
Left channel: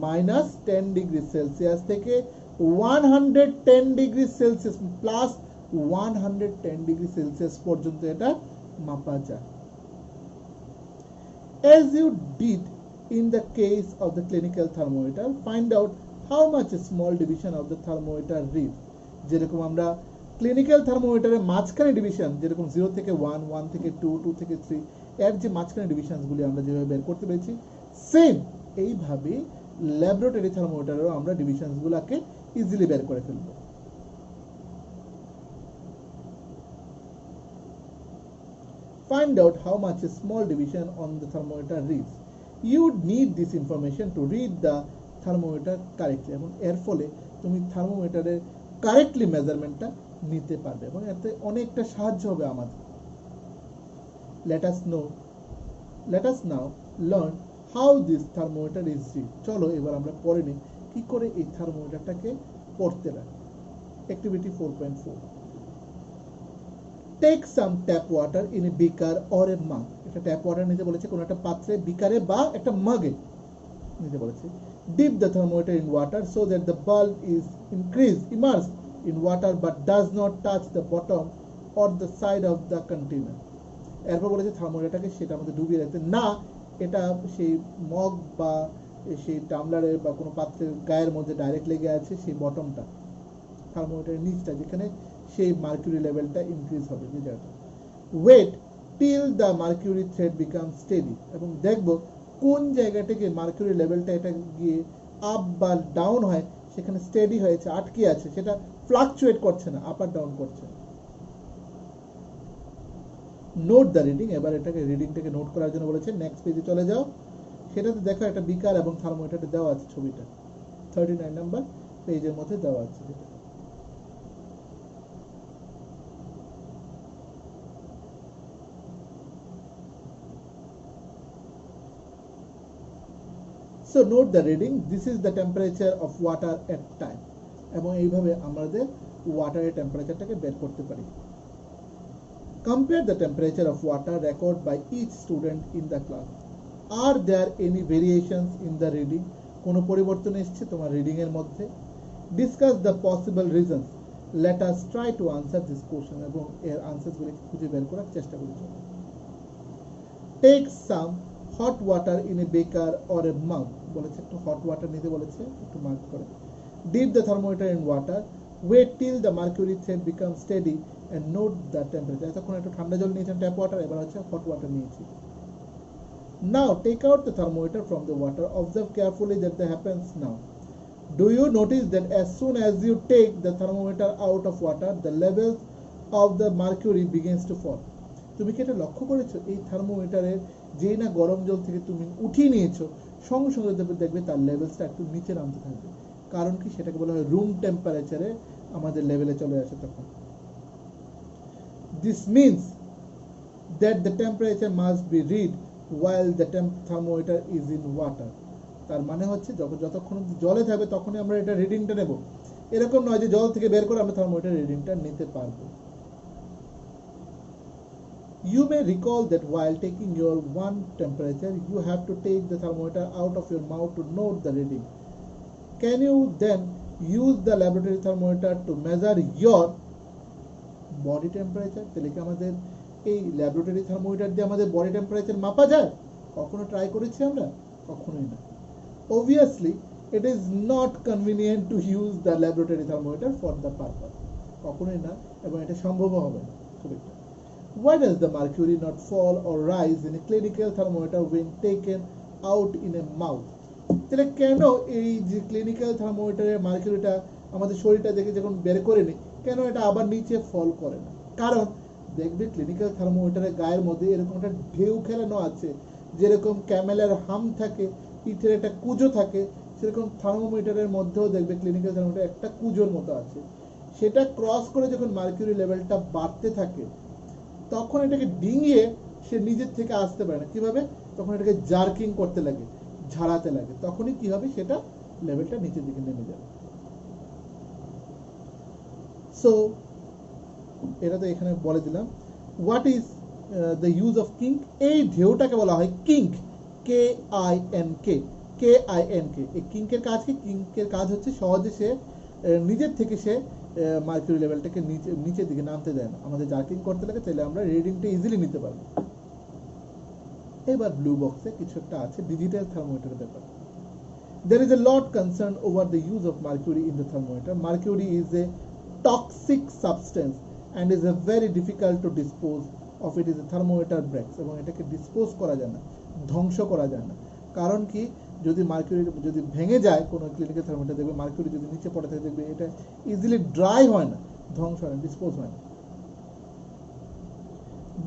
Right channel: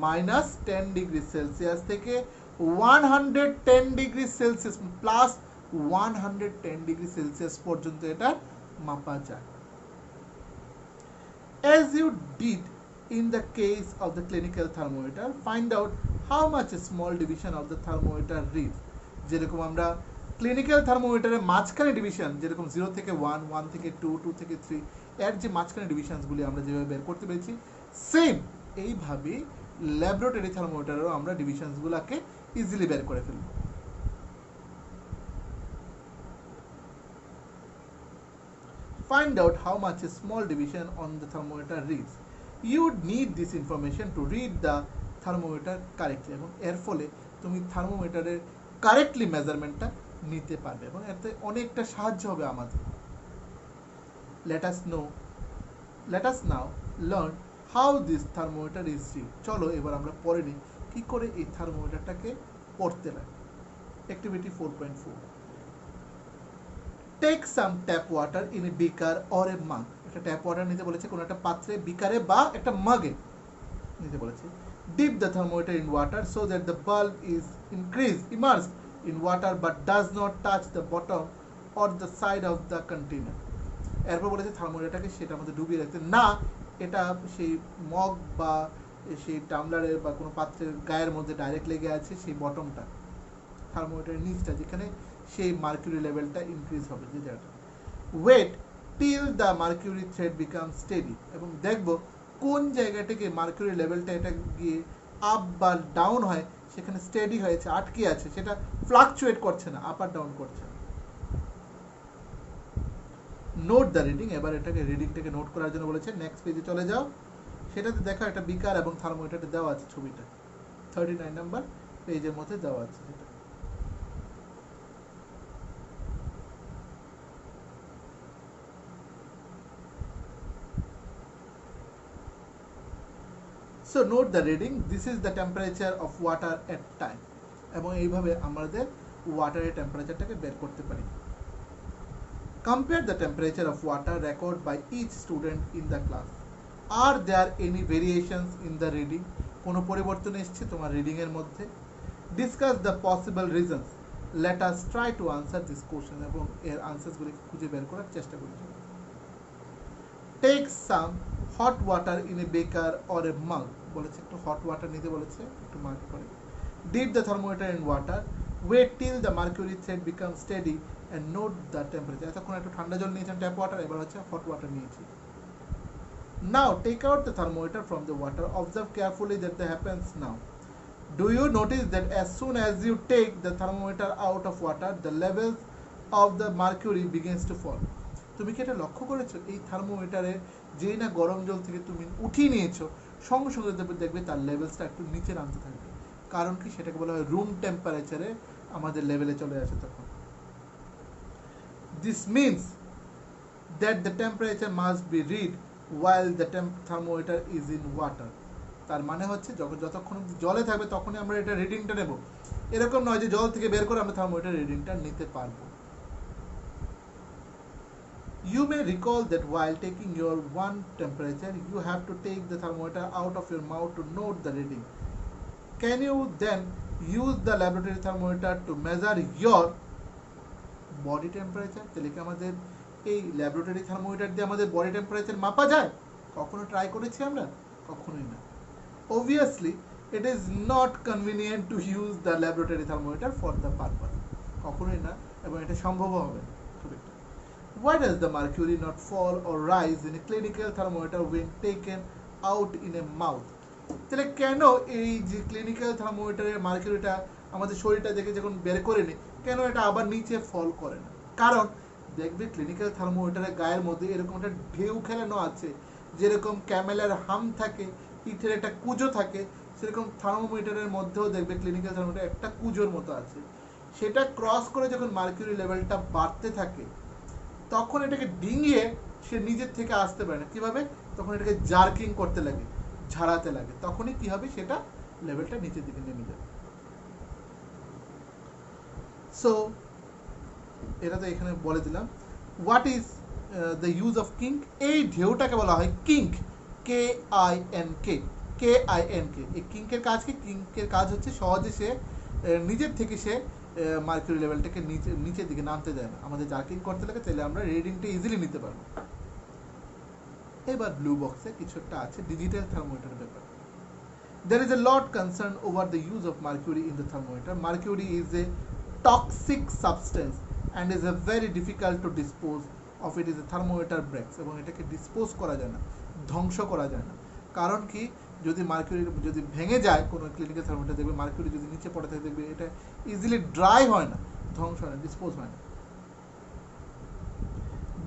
-10 ডিগ্রি সেলসিয়াস থেকে 110 degree Celsius plus 110 degree Celsius পর্যন্ত এটা মাপা যায়। As you did in the case of the clinical thermometer, find out how much a small division of the thermometer reads. যেরকম আমরা ক্লিনিক্যাল থার্মোমিটারের মাঝখানে ডিভিশন, যেরকম 0 থেকে 1, 1 থেকে 2, 2 থেকে 3, এর যে মাঝখানে ডিভিশনসগুলি আমরা যেভাবে বের করতে পেরেছি, সেম এইভাবে ল্যাবরেটরি থার্মোমিটারেও আমরা ডিভিশনসগুলোকে ইজিলি বের করে ফেলব। Find out how much a small division on the thermometer reads. You need this information to read the thermometer correctly, এবং এর ফলে তুমি থার্মোমিটারের কারেক্টলি মেজারমেন্টটা নিতে পারবে, এবং এতে অনেকটা সাহায্য হবে আমাদের। Let us now learn how this thermometer is read. চলো এবার আমরা পড়ে নিই কি করে এই থার্মোমিটারটাকে পড়তে লাগে। Activity 4.4. Take some tap water in a beaker or a mug. এটা ট্যাপ ওয়াটার নিতে বলেছে, কোনো একটা পাত্রে, বিকারে বা একটা মাগে নিতে বলেছে। Dip the thermometer in water so that the bulb is immersed in water but does not touch the bottom or the side of the container. এরপর বলেছে থার্মোমিটারটাকে সেটার মধ্যে ডুবিয়ে রাখতে না, এটা সেই মগ বা সেই টামলারের বা কোনো পাত্রের গায়ের মধ্যে ডাইরেক্ট লেগে আছে, সেই বটমটা থার্মোমিটারের নিচটা, যেখানে সেই মার্কিউরি লেভেলটা ইনক্রিজ হবে, যে জায়গাটা। Wait till the mercury thread become steady, এবং দেখবো কোন জায়গা থেকে মার্কিউরি লেভেলটা এটা গিয়ে আপ বা ডাউন হয়, সেখানে স্টেডি হয়েছে, আটকে আছে, সেটা ফ্লাকচুয়েট করছে না, আপ আর ডাউন করছে না। নোট দ্য রিডিং, এবার এটাকে রিডিংটাকে নোট করার জন্য বলেছে। নেক্সট পেজে চলে যাও, সেটাতে দেখো একটা বিকার এবং থার্মোমিটারটা দেওয়া আছে, ছবিটা 39 নাম্বার পেজের মধ্যে দেওয়া আছে যেটা। So note the reading. This is the temperature of water at time. এবং এইভাবে আমাদের ওয়াটারের টেম্পারেচারটাকে বের করতে পারি। Compare the temperature of water record by each student in the class. Are there any variations in the reading? কোনো পরিবর্তন এসেছে তোমার রিডিং এর মধ্যে? Discuss the possible reasons. Let us try to answer this question. এবং এর আনসারসগুলো খুঁজে বের করার চেষ্টা করি। Take some hot water in a beaker or a mug. বলেছে একটু হট ওয়াটার নিতে বলেছে, একটু মাগ করে। Dip the thermometer in water. Wait till the mercury thread becomes steady and note the temperature. এতক্ষণ একটু ঠান্ডা জল নিয়েছেন ট্যাপ ওয়াটার, এবার হচ্ছে হট ওয়াটার নিয়েছি। Now take out the thermometer from the water. Observe carefully that that happens now. Do you notice that as soon as you take the thermometer out of water, the levels of the mercury begins to fall? তুমি কি এটা লক্ষ্য করেছো? এই থার্মোমিটারে যেই না গরম জল থেকে তুমি উঠিয়ে নিয়েছো, সঙ্গে সঙ্গে দেখবে তার লেভেলসটা একটু নিচে নামতে থাকবে। কারণ কি? সেটাকে বলা হয় রুম টেম্পারেচারে আমাদের লেভেলে চলে আসে তখন। This means that the temperature must be read while the thermometer is in water. তার মানে হচ্ছে যতক্ষণ জলে থাকবে তখনই আমরা এটা রিডিংটা নেব, এরকম নয় যে জল থেকে বের করে আমরা থার্মোমিটার রিডিংটা নিতে পারবো। You may recall that while taking your one temperature, you have to take the thermometer out of your mouth to note the reading. Can you then use the laboratory thermometer to measure your body temperature? তাহলে কি আমাদের এই laboratory thermometer দিয়ে আমাদের body temperature মাপা যায়? কখনো try করেছি আমরা? কখনোই না। Obviously, it is not convenient to use the laboratory thermometer for the purpose. কখনোই না, এবং এটা সম্ভব হবে না খুব একটা। Why does the mercury not fall or rise in a clinical thermometer when taken out in a mouth? তাহলে কেন এই যে ক্লিনিক্যাল থার্মোমিটারের মার্কিউরিটা আমাদের শরীরটা দেখে যখন বের করে নিই, কেন এটা আবার নিচে ফল করে না? কারণ দেখবে ক্লিনিক্যাল থার্মোমিটারের গায়ের মধ্যে এরকম একটা ঢেউ খেলানো আছে, যেরকম ক্যামেলের হাম থাকে, পিঠের একটা কুজো থাকে, সেরকম থার্মোমিটারের মধ্যেও দেখবে ক্লিনিক্যাল থার্মোমিটার একটা কুজোর মতো আছে। সেটা ক্রস করে যখন মার্কিউরি লেভেলটা বাড়তে থাকে, তখন এটাকে ডিঙিয়ে সে নিজের থেকে আসতে পারে না। কিভাবে? তখন এটাকে জার্কিং করতে লাগে, ঝাড়াতে লাগে, তখনই কি হবে, সেটা লেভেলটা নিচের দিকে নেমে যাবে। সো এটা তো এখানে বলে দিলাম। What is the use of kink? এই ঢেউটাকে বলা হয় কিঙ্ক, KINK। এই কিঙ্কের কাজ কি? কিঙ্কের কাজ হচ্ছে সহজে সে নিজের থেকে সে মার্কিউরি লেভেলটাকে নিচের দিকে নামতে দেয় না, আমাদের জার্কিং করতে লাগে, তাহলে আমরা রিডিংটা ইজিলি নিতে পারবো। এবার ব্লু বক্সে কিছু একটা আছে ডিজিটাল থার্মোমিটারের ব্যাপারে। There is a lot concern over the use of mercury in the thermometer. Mercury is a toxic substance and is a very difficult to dispose of. It is a thermometer breaks, এবং এটাকে dispose করা যায় না, ধ্বংস করা যায় না। কারণ কি? যদি মার্কিউরি যদি ভেঙে যায় কোনো ক্লিনিক্যাল থার্মোমিটার, দেখবে মার্কিউরি যদি নিচে পড়ে থাকে, দেখবে এটা ইজিলি ড্রাই হয় না, ধ্বংস হয় না, ডিসপোজ হয় না।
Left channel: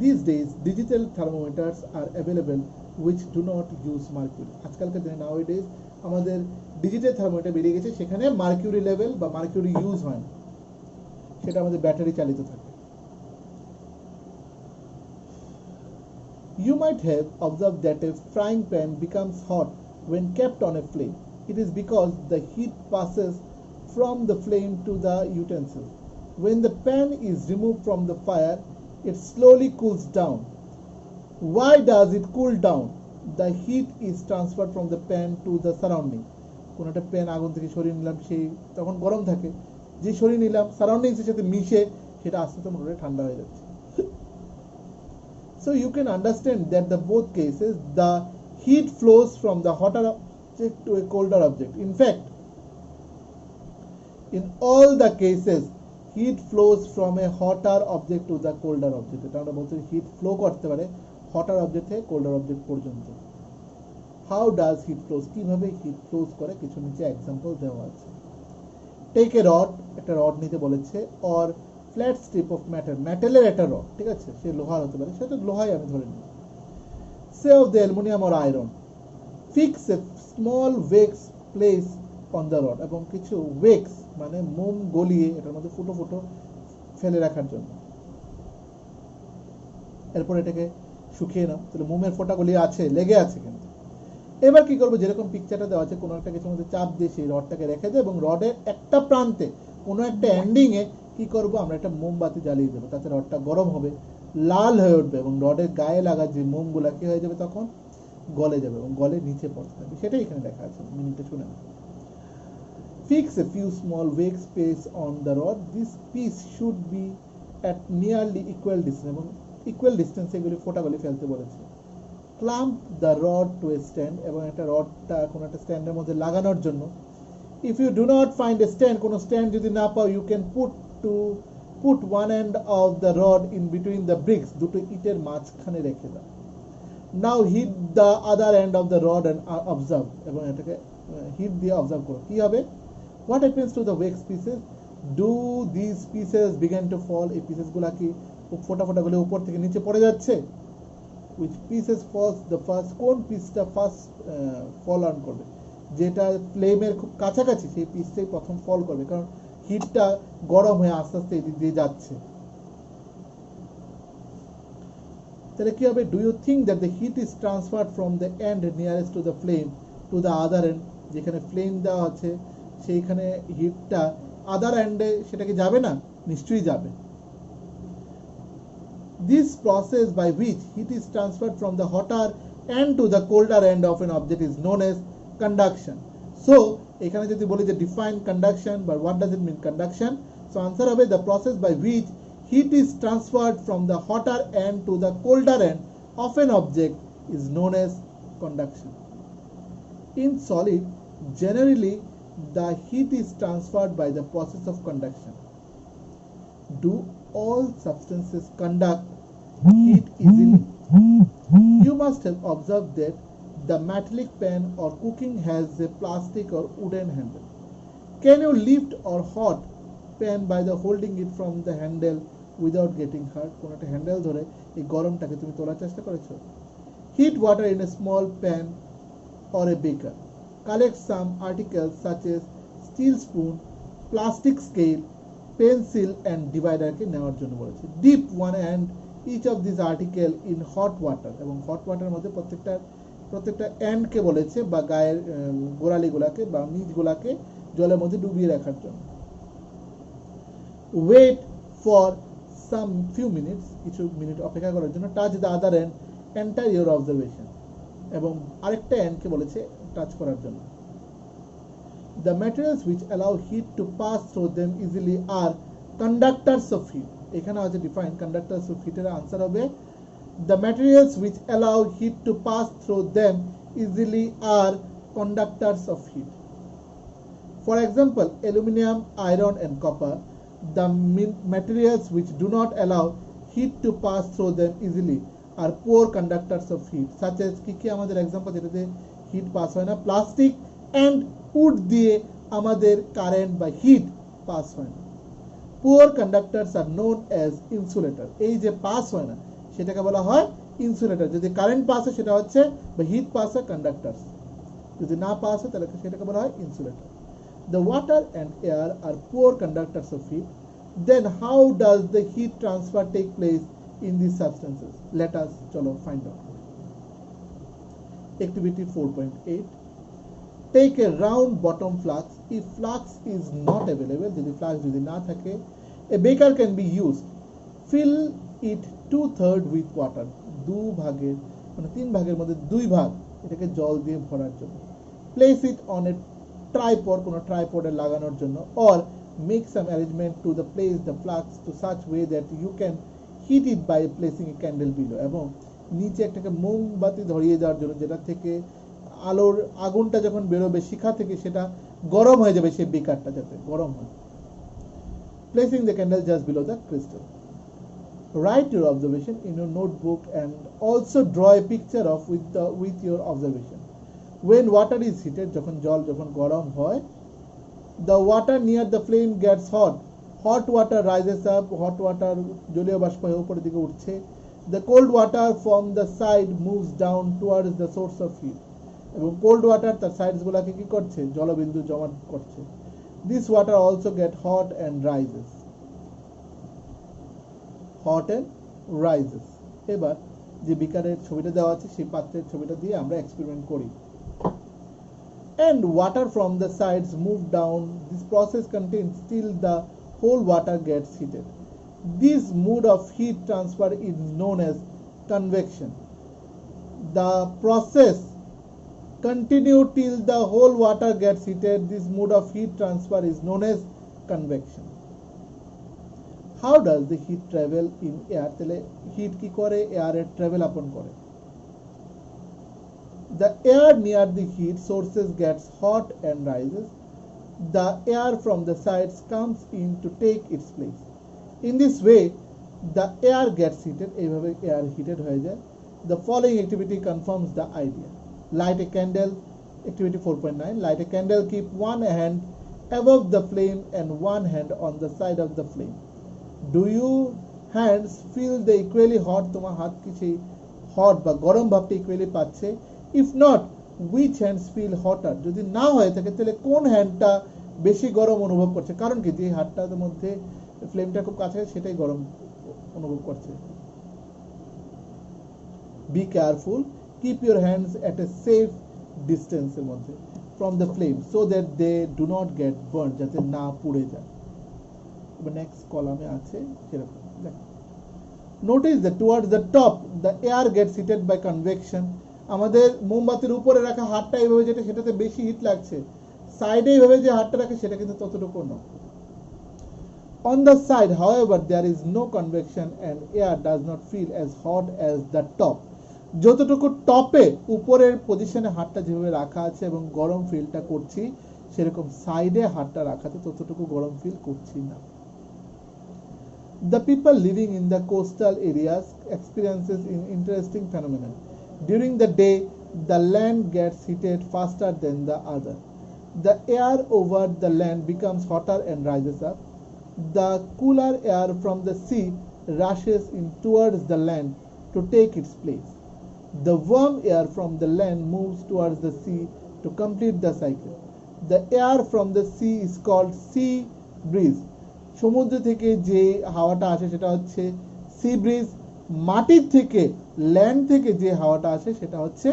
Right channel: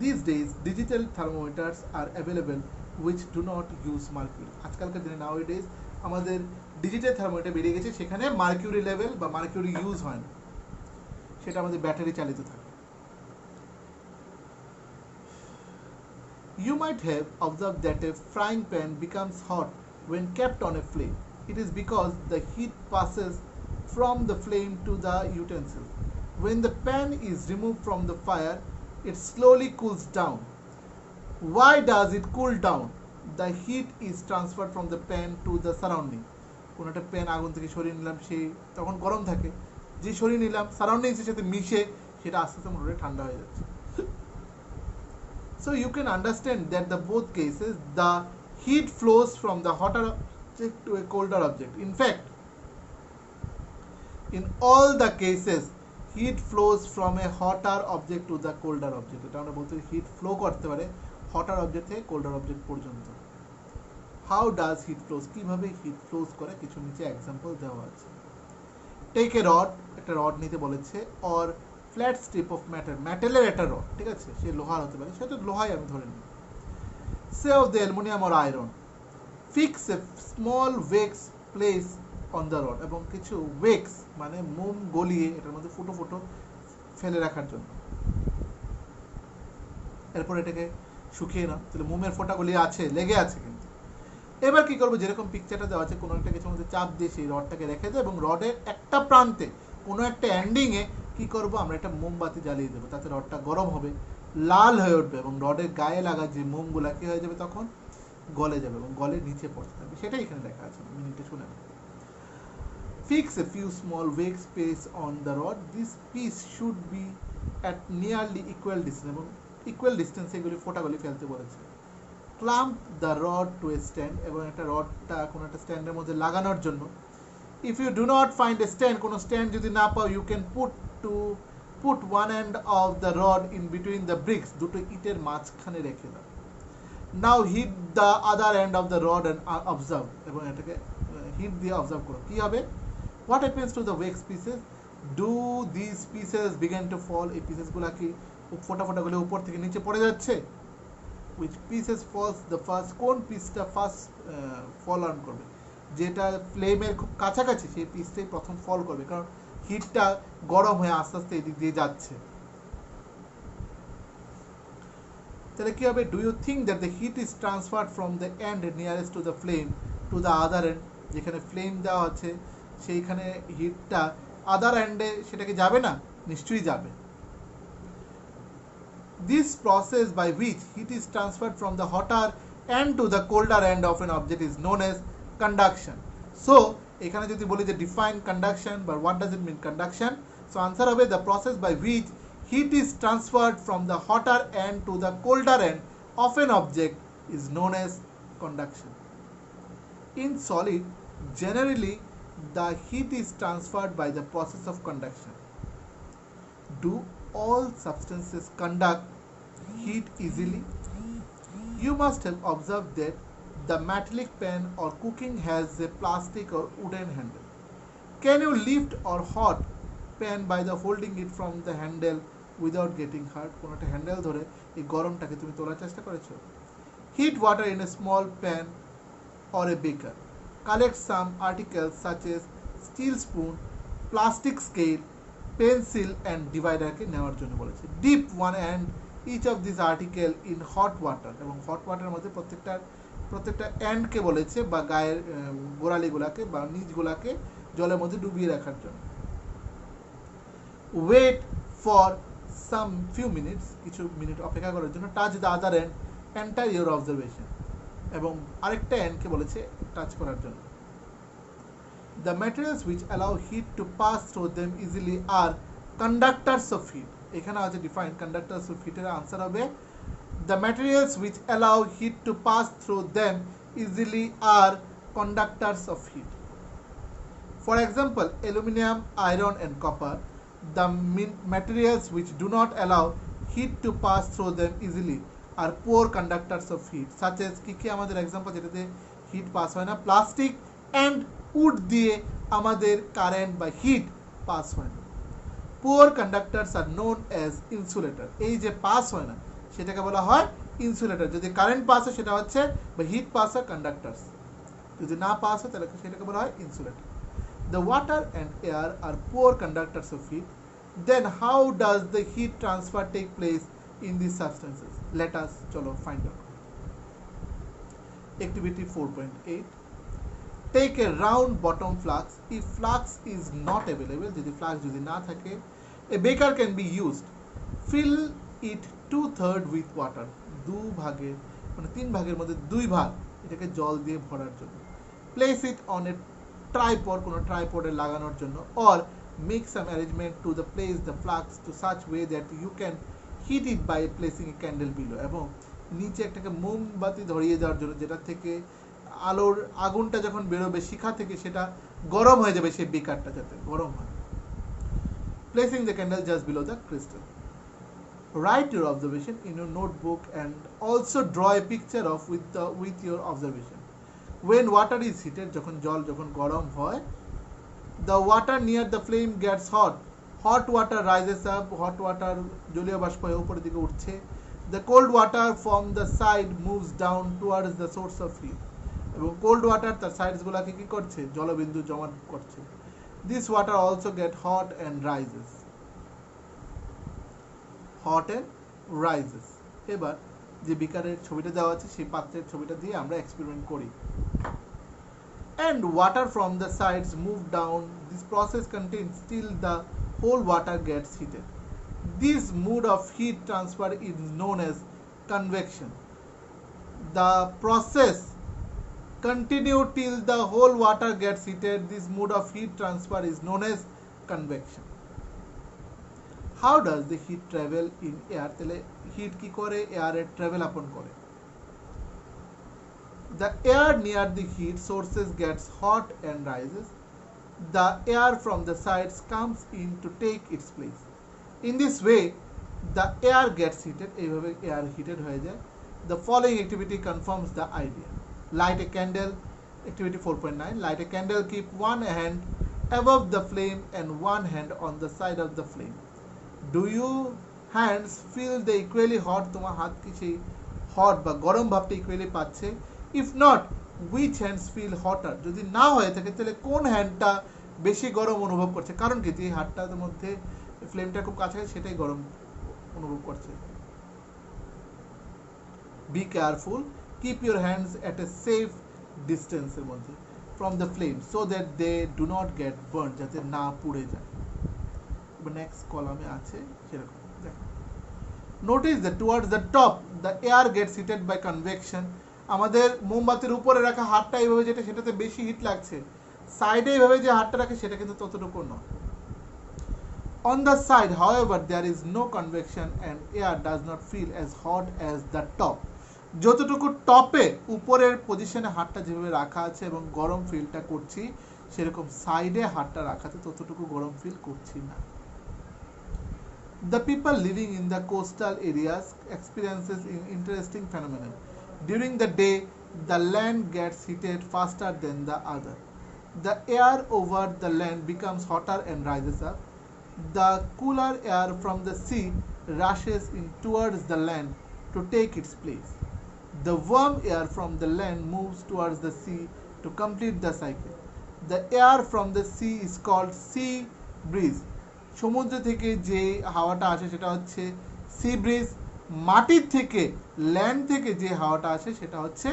These days, digital thermometers are available which do not use mercury. আজকালকার দিনে nowadays আমাদের ডিজিটাল থার্মোমিটার বেরিয়ে গেছে, সেখানে মার্কিউরি লেভেল বা মার্কিউরি ইউজ হয় না, সেটা আমাদের ব্যাটারি চালিত থাকে। You might have observed that a frying pan becomes hot when kept on a flame. It is because the heat passes from the flame to the utensil. When the pan is removed from the fire, it slowly cools down. Why does it cool down? The heat is transferred from the pan to the surrounding. কোনো একটা pan আগুন থেকে সরিয়ে নিলাম, সেই তখন গরম থাকে, যে সরিয়ে নিলাম সারাউন্ডিংসের সাথে মিশে সেটা আস্তে আস্তে মোটামুটি ঠান্ডা হয়ে যাচ্ছে। So you can understand that the both cases the heat flows from the hotter object to a colder object. In fact, in all the cases heat flows from a hotter object to the colder object. এটা আমরা বলতে hit flow করতে পারে hotter object থেকে colder object পর্যন্ত। How does heat flows? কিভাবে heat flows করে কিছু নিচে এক্সাম্পল দেওয়া আছে। টেক এ রড, একটা রড নিতে বলেছে, or flat strip of matter, মেটালের একটা রড, ঠিক আছে, সে লোহার হতে পারে, সে তো লোহাই আমি ধরে নিই। Say of the aluminium or iron, fix a small wax place on the rod, এবং কিছু ওয়েক্স মানে মোম গলিয়ে এটার মধ্যে ফুটো ফুটো ফেলে রাখার জন্য। এরপর এটাকে শুকিয়ে নাও, তাহলে মোমের ফোঁটা গলিয়ে আছে, লেগে আছে কিন্তু। এবার কি করবো, যেরকম পিকচারটা দেওয়া আছে, কোনো একটা কিছুর মধ্যে চাপ দিয়ে সেই রডটাকে রেখে দেবো, এবং রডের একটা প্রান্তে কোনো একটা এন্ডিংয়ে কি করবো, আমরা একটা মোমবাতি জ্বালিয়ে দেবো, তাতে রডটা গরম হবে, লাল হয়ে উঠবে, এবং রডের গায়ে লাগা যে মোমগুলা কি হয়ে যাবে, তখন গলে যাবে এবং গলে নিচে পড়তে থাকবে। সেটাই এখানে দেখা আছে, মিনিটে শুনে না। Fix a few small wake space on the rod. This piece should be at nearly equal distance, এবং ইকুয়াল ডিস্টেন্সে এগুলি ফোঁটাগুলি ফেলতে বলেছে। Clamp the rod to a stand, এবং একটা রডটা কোনো একটা স্ট্যান্ডের মধ্যে লাগানোর জন্য। If you do not find a stand, কোনো স্ট্যান্ড যদি না পাও, you can put one end of the rod in between the bricks, দুটো ইটের মাঝখানে রেখে দাও। Now heat the other end of the rod and observe, এবং এটাকে হিট দিয়ে অবজার্ভ করো, কি হবে। What happens to the wax pieces? Do this pieces begin to fall? এই পিসেসগুলো কি ফোটা ফোটাগুলো উপর থেকে নিচে পড়ে যাচ্ছে। which pieces falls the first? কোন পিসটা ফার্স্ট ফল অন করবে, যেটা ফ্লেমের খুব কাছাকাছি সেই পিসটাই প্রথম ফল করবে, কারণ হিটটা গরম হয়ে আস্তে আস্তে এদিক দিয়ে যাচ্ছে। তাহলে কি হবে, do you think that the heat is transferred from the end nearest to the flame to to the other end, যেখানে ফ্লেম দেওয়া আছে সেইখানে হিটটা আদার এন্ডে সেটা কি যাবে না? নিশ্চয়ই যাবে। This process by which heat is transferred from the hotter end to the colder end of an object is known as conduction. So এখানে যদি বলি যে define conduction, but what does it mean conduction? So answer হবে the process by which heat is transferred from the hotter end to the colder end of an object is known as conduction. In solid, generally the heat is transferred by the process of conduction. Do all substances conduct heat easily? You must have observed that the metallic pan or cooking has a plastic or wooden handle. Can you lift or hot pan by the holding it from the handle without getting hurt? কোনো একটা handle ধরে এই গরমটাকে তুমি তোলার চেষ্টা করেছো? Heat water in a small pan or a beaker. Collect some articles such as steel spoon, plastic scale, pencil and divider কে নেওয়ার জন্য বলেছে। Dip one end each of these article in hot water, এবং hot water মধ্যে প্রত্যেকটা and কে বলেছে বা গায়ের গোড়ালিগুলোকে বা নিচগুলোকে জলের মধ্যে ডুবিয়ে রাখার জন্য। Wait for some few minutes, কিছু মিনিট অপেক্ষা করার জন্য। Touch the other end, enter your observation, এবং আরেকটা এন্ড কে বলেছে টাচ করার জন্য। The materials which allow heat to pass through them easily are conductors of heat. এখানে আছে ডিফাইন conductors of heat এর आंसर হবে the materials which allow heat to pass through them easily are conductors of heat. For example, aluminum, iron and copper, the materials which do not allow heat to pass through them easily are poor conductors of heat, such as কি কি আমাদের example যেটাতে hit pass হয় না, plastic and would দিয়ে আমাদের current বা hit pass হয় না। Poor conductors are known as insulator. এই যে পাস হয় না সেটাকে বলা হয় ইনসুলেটর। যদি কারেন্ট পাস হয় সেটা হচ্ছে বা হিট পাস হয় কন্ডাক্টরস, যদি না পাস হয় তাহলে সেটাকে বলা হয় insulator. The water and air are poor conductors of heat. Then how does the heat transfer take place in these substances? Let us chalo find out. Activity 4.8. Take a round bottom flask. If flask is not available, যদি flask যদি না থাকে, a beaker can be used. Fill it 2/3 with water. দু ভাগের মানে 3 ভাগের মধ্যে 2 ভাগ এটাকে জল দিয়ে ভরার জন্য। Place it on a tripod, কোনো ট্রাইপডে লাগানোর জন্য, or make some arrangement to the place the flask to such way that you can heat it by placing a candle below. এবং নিচে একটাকে মোমবাতি ধরিয়ে দেওয়ার জন্য, যেটা থেকে আলোর আগুনটা যখন বেরোবে শিখা থেকে সেটা গরম হয়ে যাবে, সেই বেকারটা যাতে গরম হয়। Placing the candle just below the crystal. Write your observation in your notebook and also draw a picture of with your observation. When water is heated, যখন জল যখন গরম হয়, the water near the flame gets hot. Hot water rises up. Hot water জলীয় বাষ্প হয়ে উপরের দিকে উঠছে। The cold water from the side moves down towards the source of heat. এবং কোল্ড ওয়াটার তার সাইডস গুলাকে কি করছে? জলবিন্দু জমা করছে। This water also get hot and rises. Hot and rises. এবার যে বিকারের ছবিটা দেওয়া আছে সেই পাত্রের ছবিটা দিয়ে আমরা এক্সপেরিমেন্ট করি। And water from the sides move down. This process continues till the whole water gets heated. This mode of heat transfer is known as convection. The process continue till the whole water gets heated. This mode of heat transfer is known as convection. How does the heat travel in air? তাহলে hit কি করে? এয়ারে travel আপন করে। The air near the heat sources gets hot and rises. The air from the sides comes in to take its place. In this way, the air gets heated. এইভাবে air heated হয়ে যায়। The following activity confirms the idea. Light a candle. Activity 4.9. Light a candle. Keep one hand above the flame and one hand on the side of the flame. Do your hands feel the equally hot? তোমার হাত কি সেই hot বা গরম ভাবটা equally পাচ্ছে? If not, which hands feel hotter? যদি না হয়ে থাকে তাহলে কোন হ্যান্ডটা বেশি গরম অনুভব করছে? কারণ কি, যে হাতটার মধ্যে ফ্লেমটা খুব কাছাকাছি সেটাই গরম অনুভব করছে। Be careful. Keep your hands at a safe ডিস্টেন্সের মধ্যে from the flame so that they do not get burn, যাতে না পুড়ে যায়। এবার নেক্সট কলামে আছে সেরকম দেখো, notice that towards the top the air gets heated by convection. আমাদের মোমবাতির উপরে রাখা হাতটা এইভাবে যেটা, সেটাতে বেশি হিট লাগছে, সাইডে এইভাবে যে হাতটা রাখে সেটা কিন্তু ততটুকু নয়। On the side, however, there is no convection and air does not feel as hot as the top. যতটুকু টপে উপরের পজিশনে হাতটা যেভাবে রাখা আছে এবং গরম ফিলটা করছি, সেরকম সাইডে হাতটা রাখাতে ততটুকু গরম ফিল করছি না। The people living in the coastal areas experiences an interesting phenomenon. During the day, the land gets heated faster than the other. The air over the land becomes hotter and rises up. The cooler air from the sea rushes in towards the land to take its place. The warm air from the land moves towards the sea to complete the cycle. The air from the sea is called sea breeze. সমুদ্র থেকে যে হাওয়াটা আসে সেটা হচ্ছে sea bridge, মাটির থেকে land থেকে যে হাওয়াটা আসে সেটা হচ্ছে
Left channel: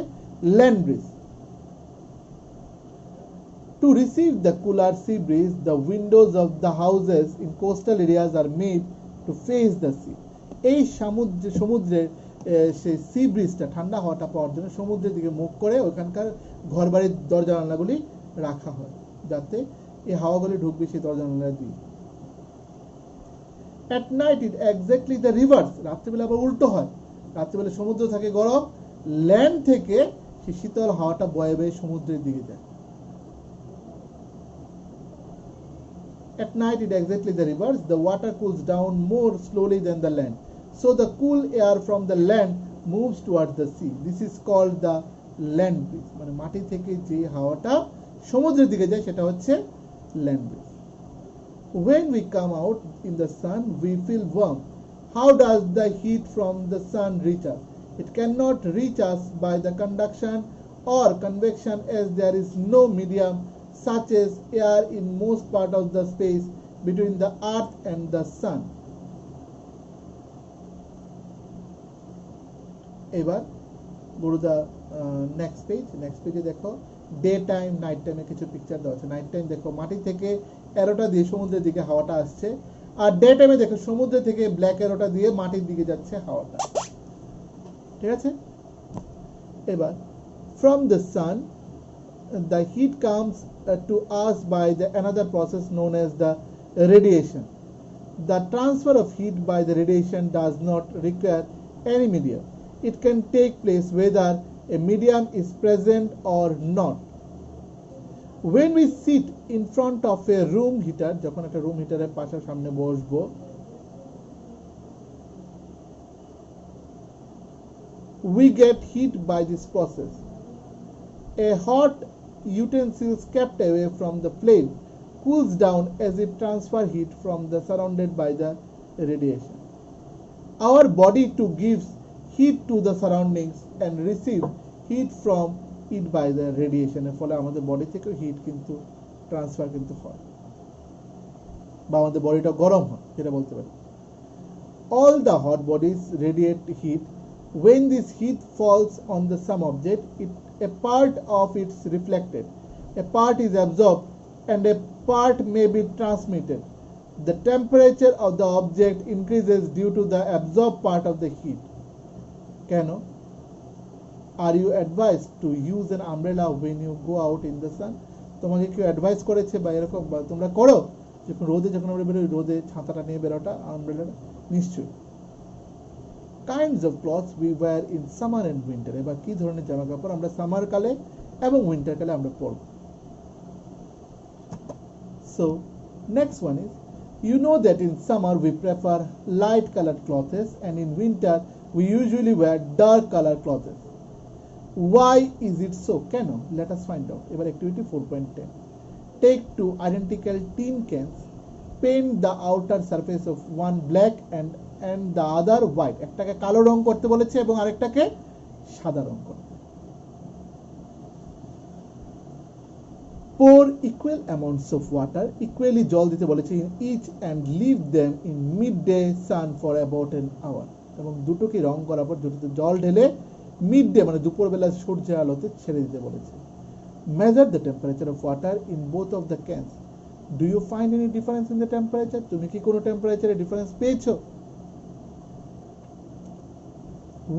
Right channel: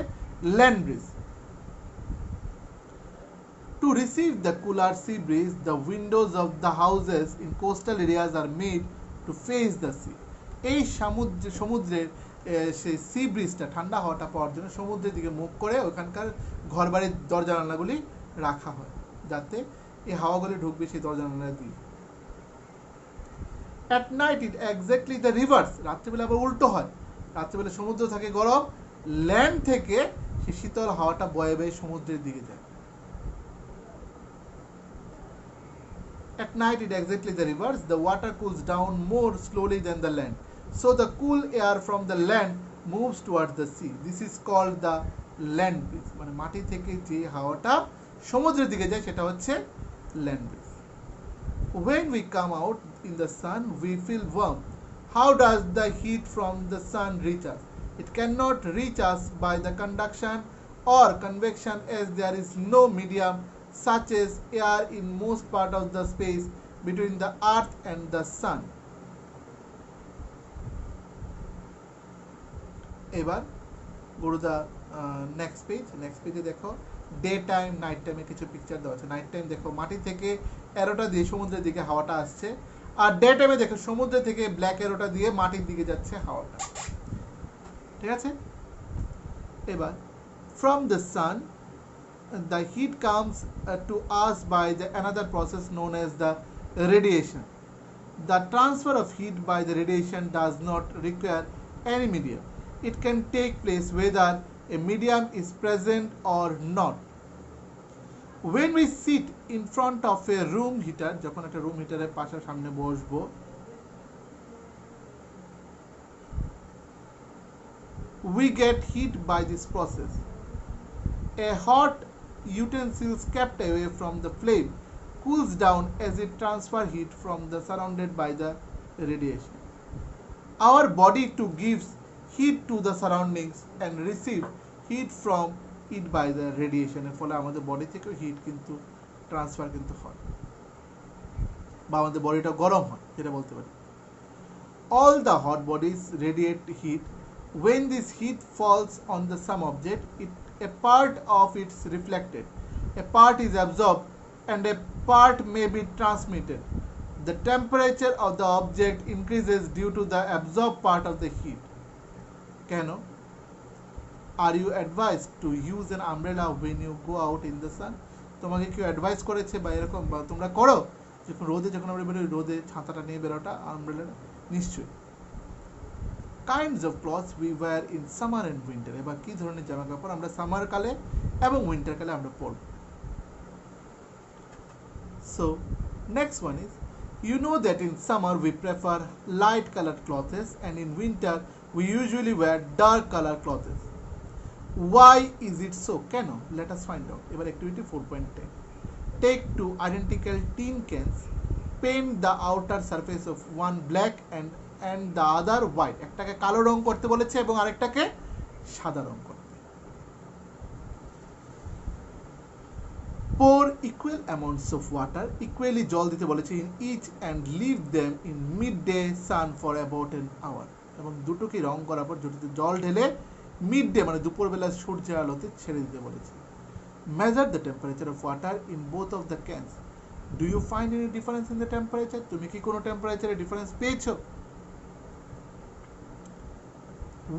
land bridge. To receive the cooler sea breeze, the windows of the houses in coastal areas are made to face the sea. এই সমুদ্রের সেই সি ব্রিজটা, ঠান্ডা হাওয়াটা পাওয়ার জন্য সমুদ্রের দিকে মুখ করে ওখানকার ঘরবাড়ির দরজা জানালাগুলি রাখা হয়, যাতে এই হাওয়াগুলি ঢুকবে সেই দরজা জানালা দিয়ে। At night it exactly the reverse. রাত্রিবেলা আবার উল্টো হয়, রাত্রিবেলা সমুদ্র থাকে গরম, ল্যান্ড থেকে সেই শীতল হাওয়াটা বয়ে বয়ে সমুদ্রের দিকে যায়। At night it exactly the reverse. The water cools down more slowly than the land, so the cool air from the land moves towards the sea. This is called the land breeze. মানে মাটি থেকে যে হাওয়াটা সমুদ্রের দিকে যায় সেটা হচ্ছে land breeze. When we come out in the sun, we feel warm. How does the heat from the sun reach us? It cannot reach us by the conduction or convection, as there is no medium such as air in most part of the space between the earth and the sun. এবার go to the next page. Next page এ দেখো day time night টাইমে কিছু picture দেওয়া আছে। Night time দেখো মাটি থেকে অ্যারোটা দিয়ে সমুদ্রের দিকে হাওয়াটা আসছে, আর ডে টাইমে দেখো সমুদ্র থেকে ব্ল্যাক অ্যারোটা দিয়ে মাটির দিকে যাচ্ছে হাওয়াটা, ঠিক আছে। এবার from the sun the heat comes to us by the another process known as the radiation. The transfer of heat by the radiation does not require any medium. It can take place whether a medium is present or not. When we sit in front of a room heater, যখন একটা room হিটারের পাশে সামনে বসবো, we get heat by this process. A hot utensils kept away from the flame cools down as it transfers heat from the surrounded by the radiation. Our body too gives heat to the surroundings and receive heat from it by the radiation. এর ফলে আমাদের body থেকে hit কিন্তু transfer কিন্তু হয়, বা আমাদের বডিটা গরম হয়, যেটা বলতে পারি। All the hot bodies radiate heat. When this heat falls on the some object, a part of it is reflected, a part is absorbed, and a part may be transmitted. The temperature of the object increases due to the absorbed part of the heat. কেন? Are you advised to use an umbrella when you go out in the sun? তোমাকে কেউ advice করেছে বা এরকম, বা তোমরা করো যখন রোদে, যখন আমরা বেরোই রোদে ছাতাটা নিয়ে বেরোটা, আমব্রেলা? নিশ্চয়ই। Kinds of clothes we were in summer and winter. এবার কী ধরনের জামা কাপড় আমরা সামার কালে এবং উইন্টার কালে আমরা পরব। So next one is, you know that in summer we prefer light colored clothes and in winter we usually wear dark colored clothes. Why is it so? কেন? Let us find out. এবার activity 4.10. Take two identical tin cans, paint the outer surface of one black and the other white. একটাকে কালো রং করতে বলেছে এবং আরেকটাকে সাদা রং করতে। Pour equal amounts of water, equally জল দিতে বলেছে, in each and leave them in midday sun for about an hour. এবং দুটোকে রং করার পর দুটোতে জল ঢেলে মিড ডে মানে দুপুরবেলা সূর্যের আলোতে ছেড়ে দিতে বলেছে। Measure the temperature of water in both of the cans. Do you find any difference in the temperature? তুমি কি কোনো টেম্পারেচারে ডিফারেন্স পেয়েছো?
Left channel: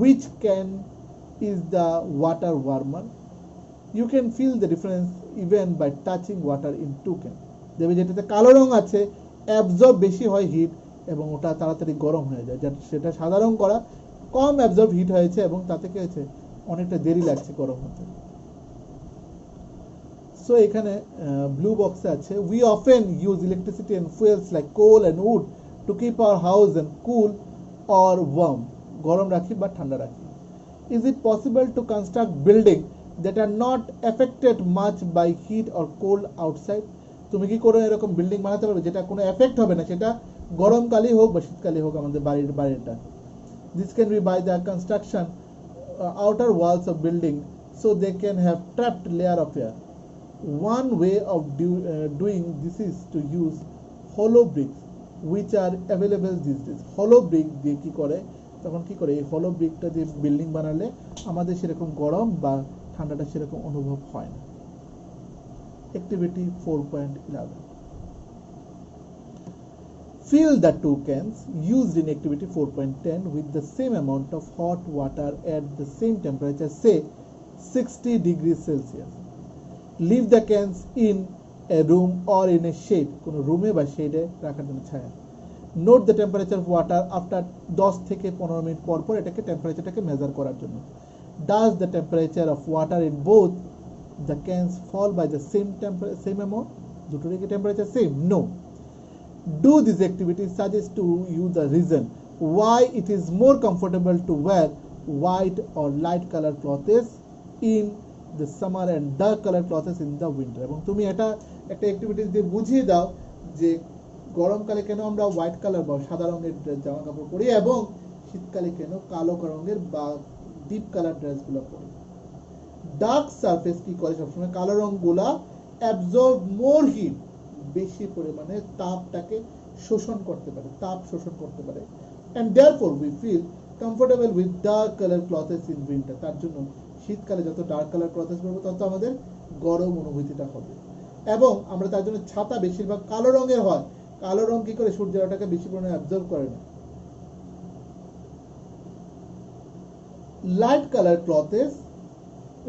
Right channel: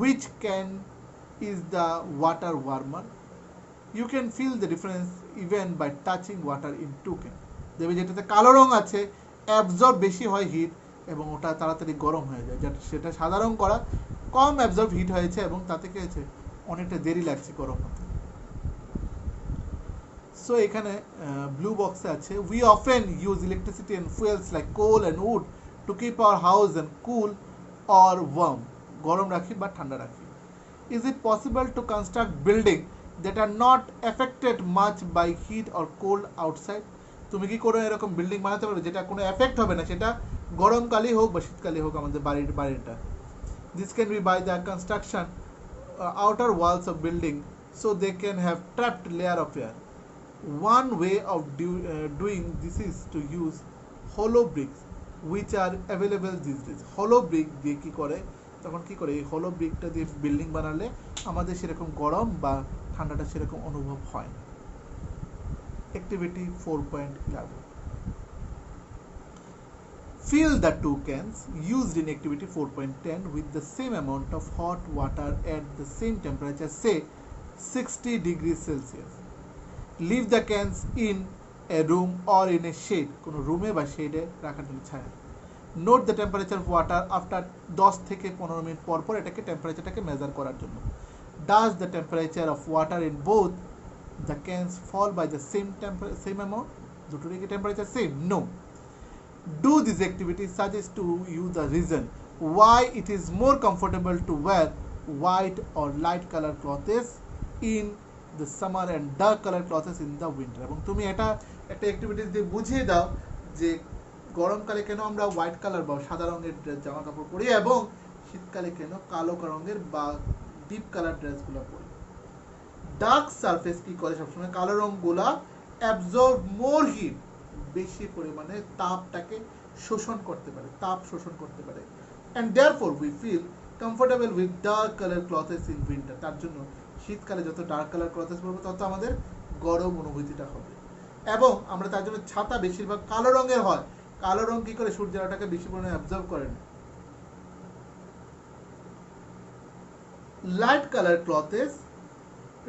Which can is the water warmer? You can feel the difference even by touching water in two cans. দেখবে যেটাতে কালো রং আছে absorb বেশি হয় হিট এবং ওটা তাড়াতাড়ি গরম হয়ে যায়, যেটা সেটা সাধারণ করা কম অ্যাবজর্ব হিট হয়েছে এবং তাতে কি হয়েছে অনেকটা দেরি লাগছে গরম হতে। সো এখানে ব্লু বক্সে আছে we often use electricity and fuels like coal and wood to keep our house and cool or warm, গরম রাখি বা ঠান্ডা রাখি। Is it possible to construct building that are not affected much by heat or cold outside? তুমি কি করে এরকম building বানাতে পারবে যেটা কোনো এফেক্ট হবে না, সেটা গরমকালেই হোক বা শীতকালেই হোক আমাদের বাড়িটা। This can be by the construction outer walls of building so they can have trapped layer of air. One way of doing this is to use hollow bricks which are available these days. Hollow brick দিয়ে কি করে, তখন কি করে এই hollow brickটা দিয়ে building বানালে আমাদের সেরকম গরম বা ঠান্ডাটা সেরকম অনুভব হয় না। Activity 4.11. Fill the two cans used in activity 4.10 with the same amount of hot water at the same temperature, say 60 degrees Celsius. Leave the cans in a room or in a shade, কোনো রুমে বা শেডে রাখার জন্য ছায়া। Note the temperature of water after 10 থেকে 15 minute পর পর এটাকে টেম্পারেচারটাকে মেজার করার জন্য। Does the temperature of water in both the cans fall by the same amount? দুটোরই কি temperature same? No. Do this activity suggest to you the reason why it is more comfortable to wear white or light color clothes in the summer and dark color clothes in the winter. এবং তুমি এটা একটা activity দিয়ে বুঝিয়ে দাও যে গরমকালে কেন আমরা হোয়াইট কালার বা সাদা রঙের জামা কাপড় পরি এবং শীতকালে কেন কালো রঙের বা ডিপ কালার ড্রেসগুলো পরি। ডার্ক সারফেস কি করে সবসময়, কালো রঙগুলা অ্যাবজর্ব মোর হিট, বেশি পরিমাণে তাপটাকে শোষণ করতে পারে, তাপ শোষণ করতে পারে। and therefore we feel comfortable with dark color clothes in winter. তার জন্য শীতকালে যত ডার্ক কালার ক্লথেস পরবো তত আমাদের গরম অনুভূতিটা হবে। এবং আমরা তার জন্য ছাতা বেশিরভাগ কালো রঙের হয়, কালো রং কি করে সূর্যের আলোটাকে বেশি পরিমাণে অ্যাবজর্ব করে না। Light colour clothes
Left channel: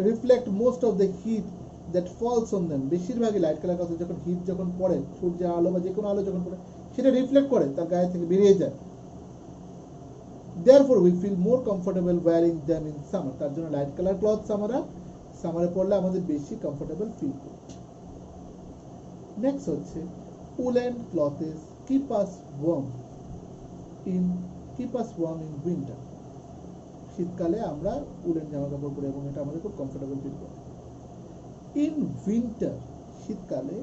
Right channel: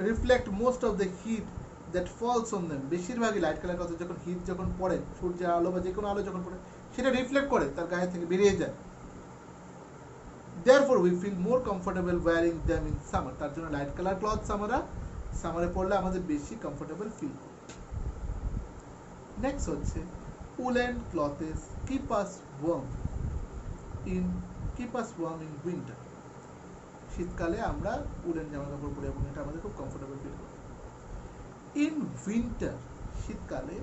reflect most of the heat that falls on them. বেশিরভাগই লাইট কালার ক্লথেস যখন হিট যখন পড়ে, সূর্যের আলো বা যে কোনো আলো যখন পড়ে সেটা রিফ্লেক্ট করে তার গায়ে থেকে বেরিয়ে যায়। Therefore we feel more comfortable wearing them in summer. তার জন্য লাইট কালার ক্লথস আমরা সামারে পরলে আমাদের বেশি কমফোর্টেবল ফিল করি। নেক্সট হচ্ছে woolen clothes keep us warm in winter. শীতকালে আমরা উলেন জামা কাপড় পরে এবং এটা আমাদের খুব কমফোর্টেবল ফিল করে। In winter, শীতকালে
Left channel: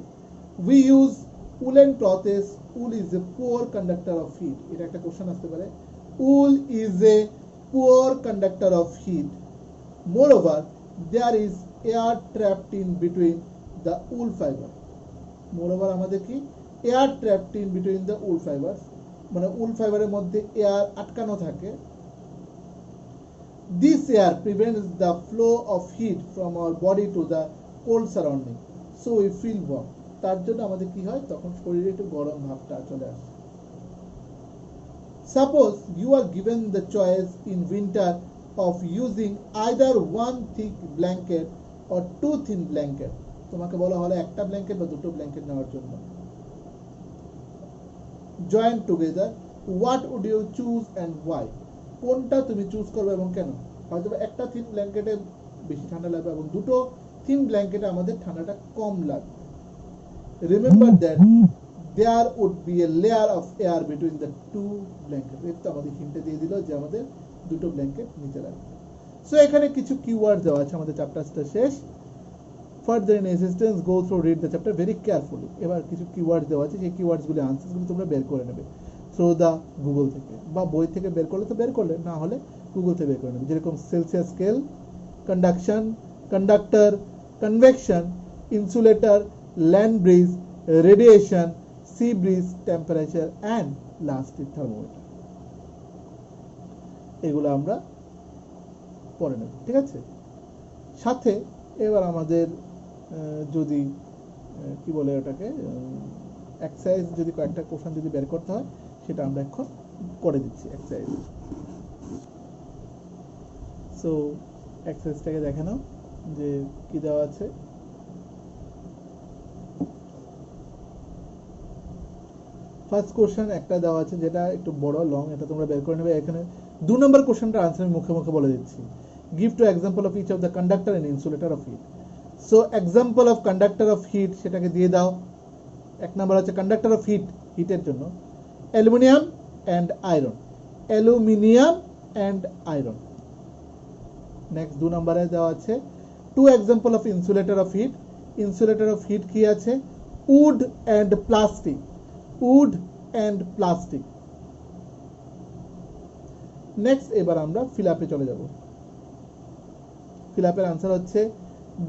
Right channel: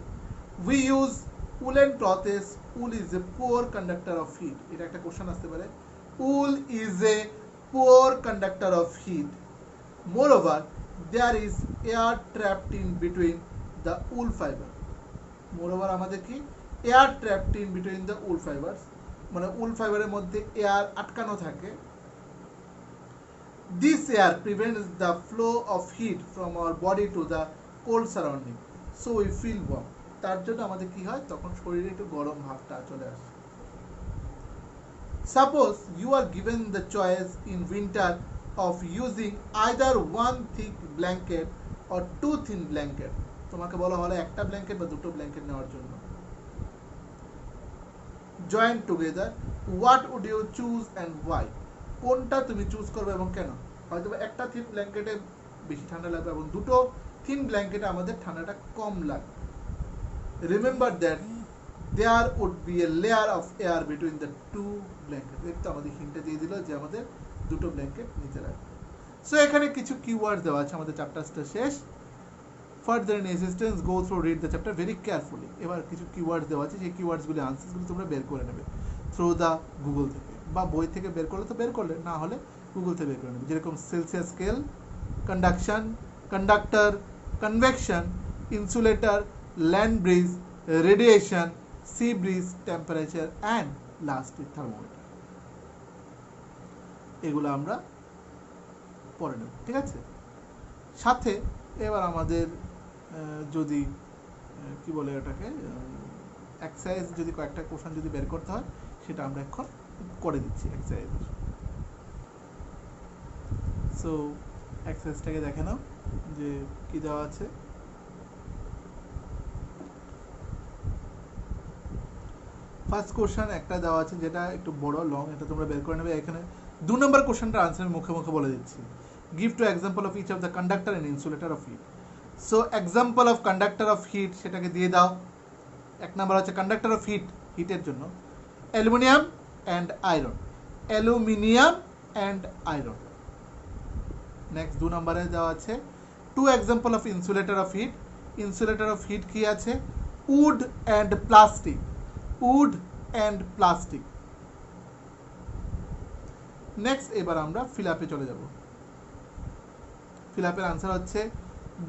we use woolen clothes. Wool is a poor conductor of heat. এটা একটা কোশ্চেন আসতে পারে। Wool is a poor conductor of heat. Moreover, there is air trapped in between the wool fiber. Moreover, আমাদের কি air trapped in between the wool fibers, মানে wool ফাইবারের মধ্যে air আটকানো থাকে। This air prevents the flow of heat from our body to the cold surrounding, so we feel warm. তার জন্য আমাদের কি হয়, তখন শরীরে একটু গরম ভাবটা চলে আসে। Suppose you are given the choice in winter of using either one thick blanket or two thin blanket. তোমাকে বলা হলো একটা ব্ল্যাঙ্কেট বা দুটো ব্ল্যাঙ্কেট নেওয়ার জন্য। Join together, what would you choose and why? কোনটা তুমি চুজ করবে এবং কেন? হয়তো একটা থিন ব্ল্যাঙ্কেটে বেশি ঠান্ডা লাগবে এবং দুটো থিন ব্ল্যাঙ্কেটে আমাদের ঠান্ডাটা কম লাগবে। Remember that there would be a layer of air between the two blankets. একটু আমাদের হিন্টে দিয়ে দিল যে আমাদের দুটো ব্ল্যাঙ্কেট নিচে রাখবে। সো এখানে কিছু কিওয়ার্ড দেওয়া আছে, আমাদের চ্যাপ্টারটা শেষ। Further in assistance, go through, read the chapter very carefully. এবার কিছু কিওয়ার্ড দেওয়া আছে, সেই কিওয়ার্ডসগুলি আনসারসগুলি তোমরা বের করে নেবে থ্রু দা গুগল থেকে, বা বই থেকে বের করলে তো বের করলে, না হলে গুগল থেকে বের করে নেবে। যেরকম Celsius scale, conduction, conductor, convection, insulator, land breeze, radiation, sea breeze, temperature and lastly thermometer. এগুলো আমরা পড়ে নেব, ঠিক আছে। সাথে এবার আমাদের যদি কি বলে ওটাকে এক্সারসাইজ যদি কয়েকটা কোশ্চেন যদি বের করতে হয় সেটা আমরা এখন করে দিচ্ছি এক্সারসাইজ। সো এক্সারসাইজটাকে দেখে নাও যে কি দেওয়া আছে। ফার্স্ট কোশ্চেন একটা দেওয়া আছে যেটা একটু বড় লং, এটা তোমরা বের করে নেবে। এখানে 2 নম্বর কোশ্চেনটার আনসার আমি মুখে মুখে বলে দিচ্ছি। Give two example of each of the conductor and insulator of heat. So example of conductor of heat সেটাকে দিয়ে দাও। এক নম্বর হচ্ছে কন্ডাক্টর অফ হিট, হিটের জন্য aluminium and iron, aluminium and iron. Next 2 নম্বরে দেওয়া আছে two example of insulator of heat. Insulator of heat কি আছে? Wood and plastic, wood and plastic. Next এবার আমরা ফিল আপে চলে যাব। ফিল আপের আনসার হচ্ছে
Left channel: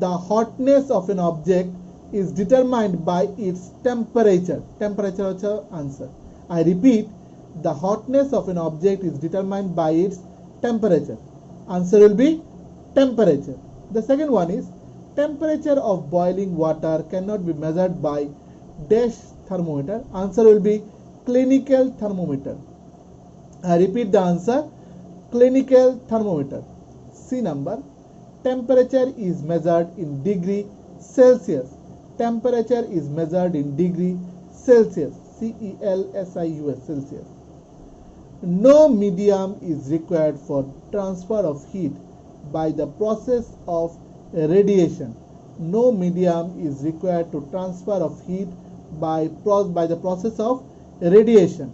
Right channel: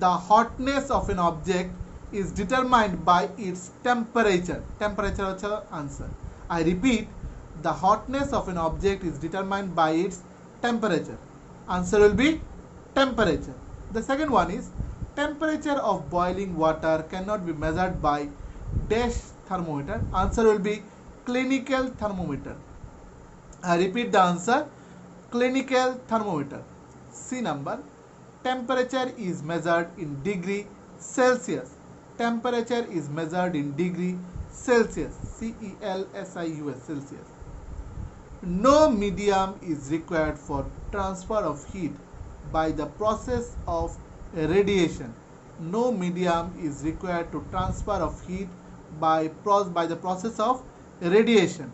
the hotness of an object is determined by its temperature. Temperature হচ্ছে answer. I repeat, the hotness of an object is determined by its temperature. Answer will be temperature. The second one is temperature of boiling water cannot be measured by dash thermometer. Answer will be clinical thermometer. I repeat the answer, clinical thermometer. C number, temperature is measured in degree Celsius. Temperature is measured in degree Celsius. CELSIUS, Celsius. No medium is required for transfer of heat by the process of radiation. No medium is required to transfer of heat by the process of radiation.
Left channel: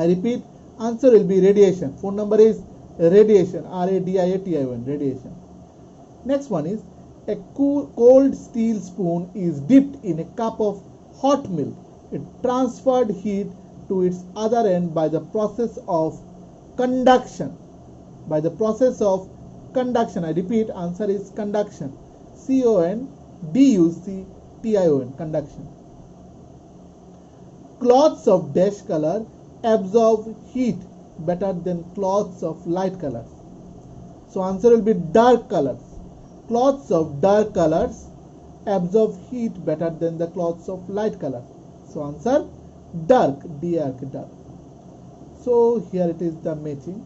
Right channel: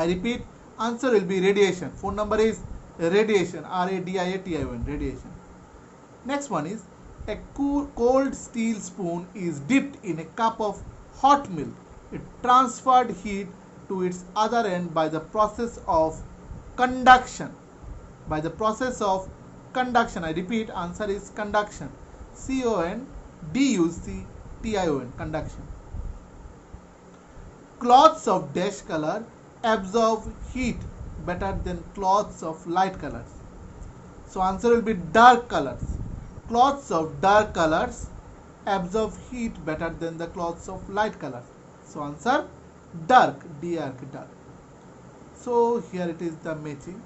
I repeat, answer will be radiation. Phone number is radiation, RADIATION, radiation. Next one is a cold steel spoon is dipped in a cup of hot milk. It transferred heat to its other end by the process of conduction. By the process of conduction. I repeat, answer is conduction. CONDUCTION, conduction. Cloths of dash color absorb heat better than cloths of light colors. So answer will be dark colors. Cloths of dark colors absorb heat better than the cloths of light colors. So answer dark, dark. So here it is the matching.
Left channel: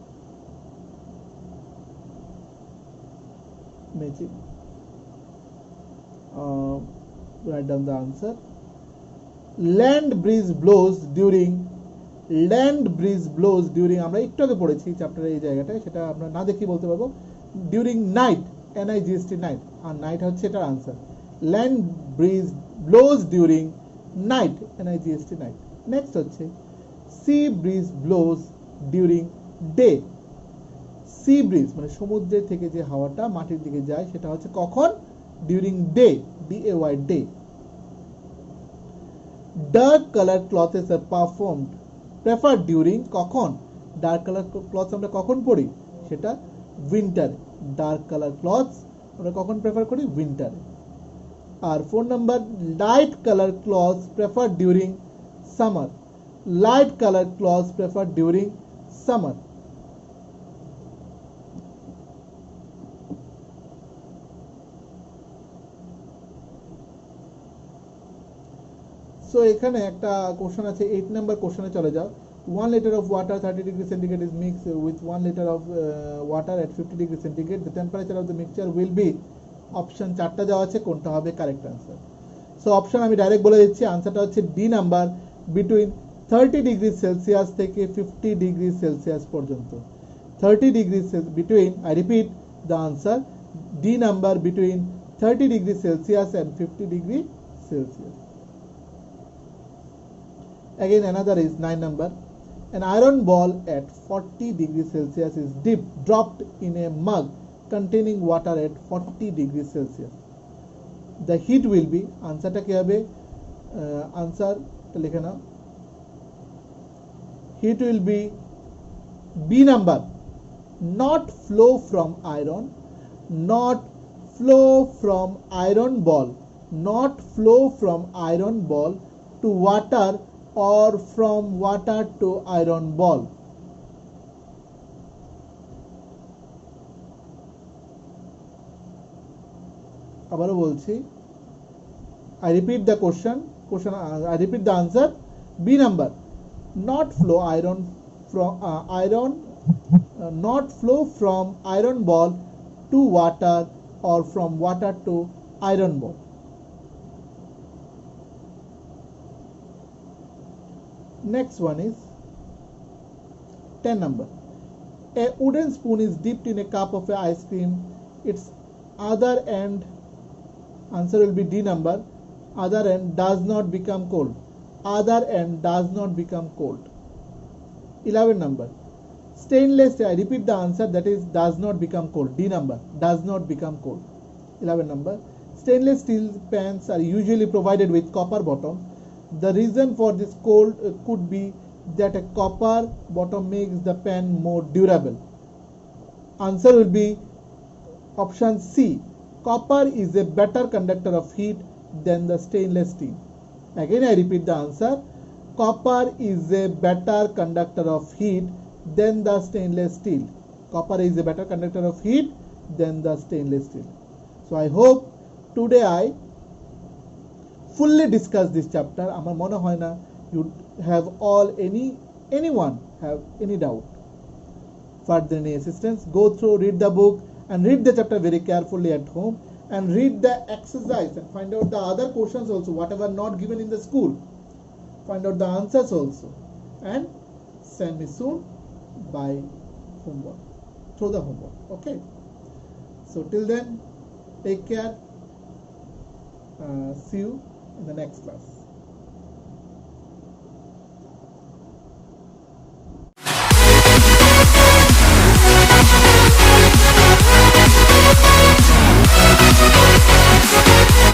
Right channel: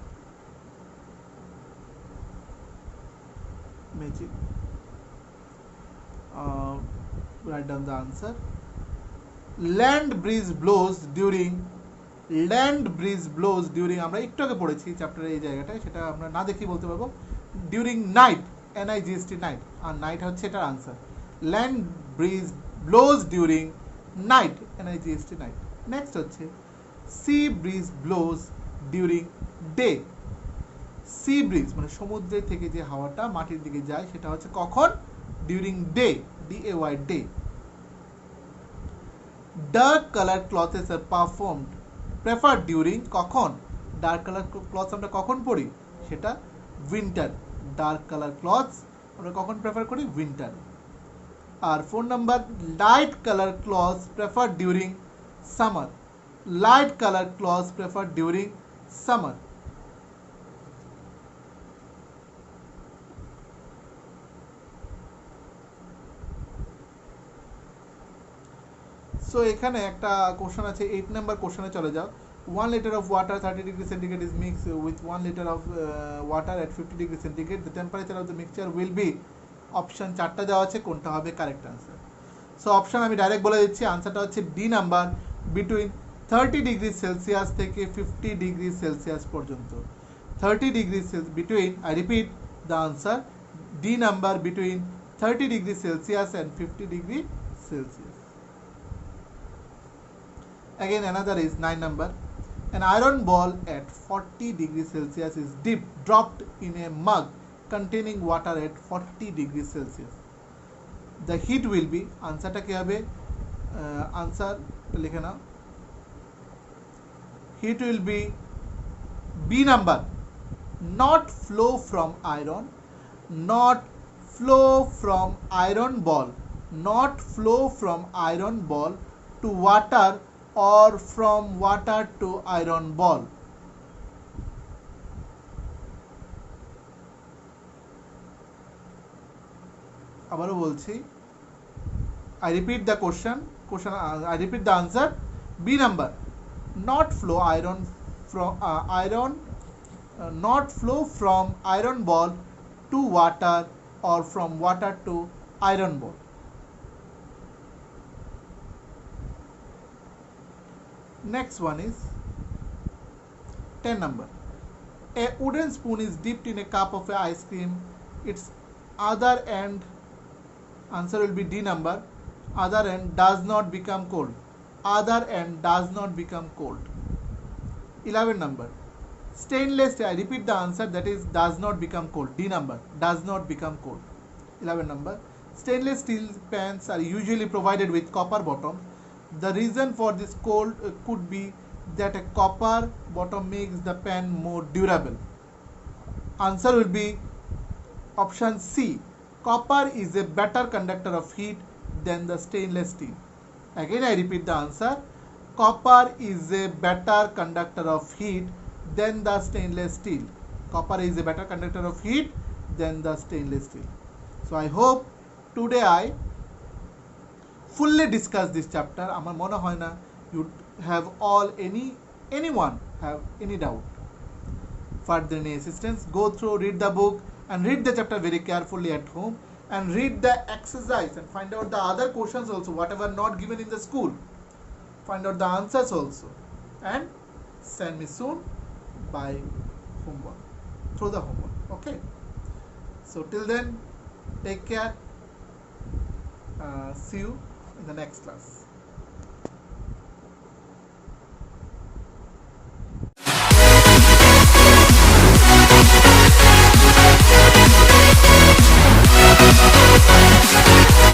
Write down the answer. Land breeze blows during আমরা একটু আগে পড়েছি চ্যাপ্টারে এই জায়গাটায়, সেটা আমরা না দেখি বলতে পারবো ডিউরিং নাইট, NIGST নাইট, আর নাইট হচ্ছে এটার answer. Land breeze blows during night, NIGST night. Next হচ্ছে sea breeze blows during day. Sea breeze মানে সমুদ্রের থেকে যে হাওয়াটা মাটির দিকে যায় সেটা হচ্ছে কখন? During day, DAY, day. Dark colour clothes are performed prefer during, কখন? ডার্ক কালার ক্লথস আমরা কখন পরি? সেটা উইন্টার। ডার্ক কালার ক্লথস আমরা কখন প্রেফার করি? উইন্টার। আর 4 number, light colour clothes prefer during summer. Light colour clothes prefer during summer. So এখানে একটা কোশ্চেন আছে, 8 নাম্বার কোশ্চেনে চলে যাও। 1 liter of water 30 degree centigrade is mixed with 1 liter of water at 50 degree centigrade. The temperature of the mixture will be, option 4টা দেওয়া আছে, কোনটা হবে কারেক্ট আনসার? সো অপশন আমি ডাইরেক্ট বলে দিচ্ছি, আনসারটা হচ্ছে D number, between 30 degree Celsius থেকে 50 ডিগ্রি সেলসিয়াস পর্যন্ত। 30 degree between, I repeat the answer, D number, between 30 degree Celsius and 50 degree Celsius. Again another is 9 number. An iron ball at 40 degrees Celsius is dropped in a mug containing water at 40 degrees Celsius. The heat will be, answerটা কি হবে? Answer লিখে নাও। Heat will be B number, not flow from iron, not flow from iron ball, not flow from iron ball to water or from water to iron ball. আবারও বলছি, I repeat the question, I repeat the answer. B number, not flow from iron ball to water or from water to iron ball. Next one is 10 number. A wooden spoon is dipped in a cup of ice cream. Its other end, answer will be D number, other end does not become cold. Other end does not become cold. 11 number. Stainless steel, I repeat the answer, that is does not become cold. D number, does not become cold. 11 number. Stainless steel pans are usually provided with copper bottom. The reason for this cold could be that a copper bottom makes the pan more durable. Answer will be option C. Copper is a better conductor of heat than the stainless steel. Again I repeat the answer. Copper is a better conductor of heat than the stainless steel. Copper is a better conductor of heat than the stainless steel. So I hope today I fully discuss this chapter. আমার মনে হয় না you have anyone have any doubt. Further any assistance, go through, read the book and read the chapter very carefully at home and read the exercise and find out the other questions also, whatever not given in the school. Find out the answers also and send me soon by homework, through the homework. Okay, so till then, take care. See you in the next class.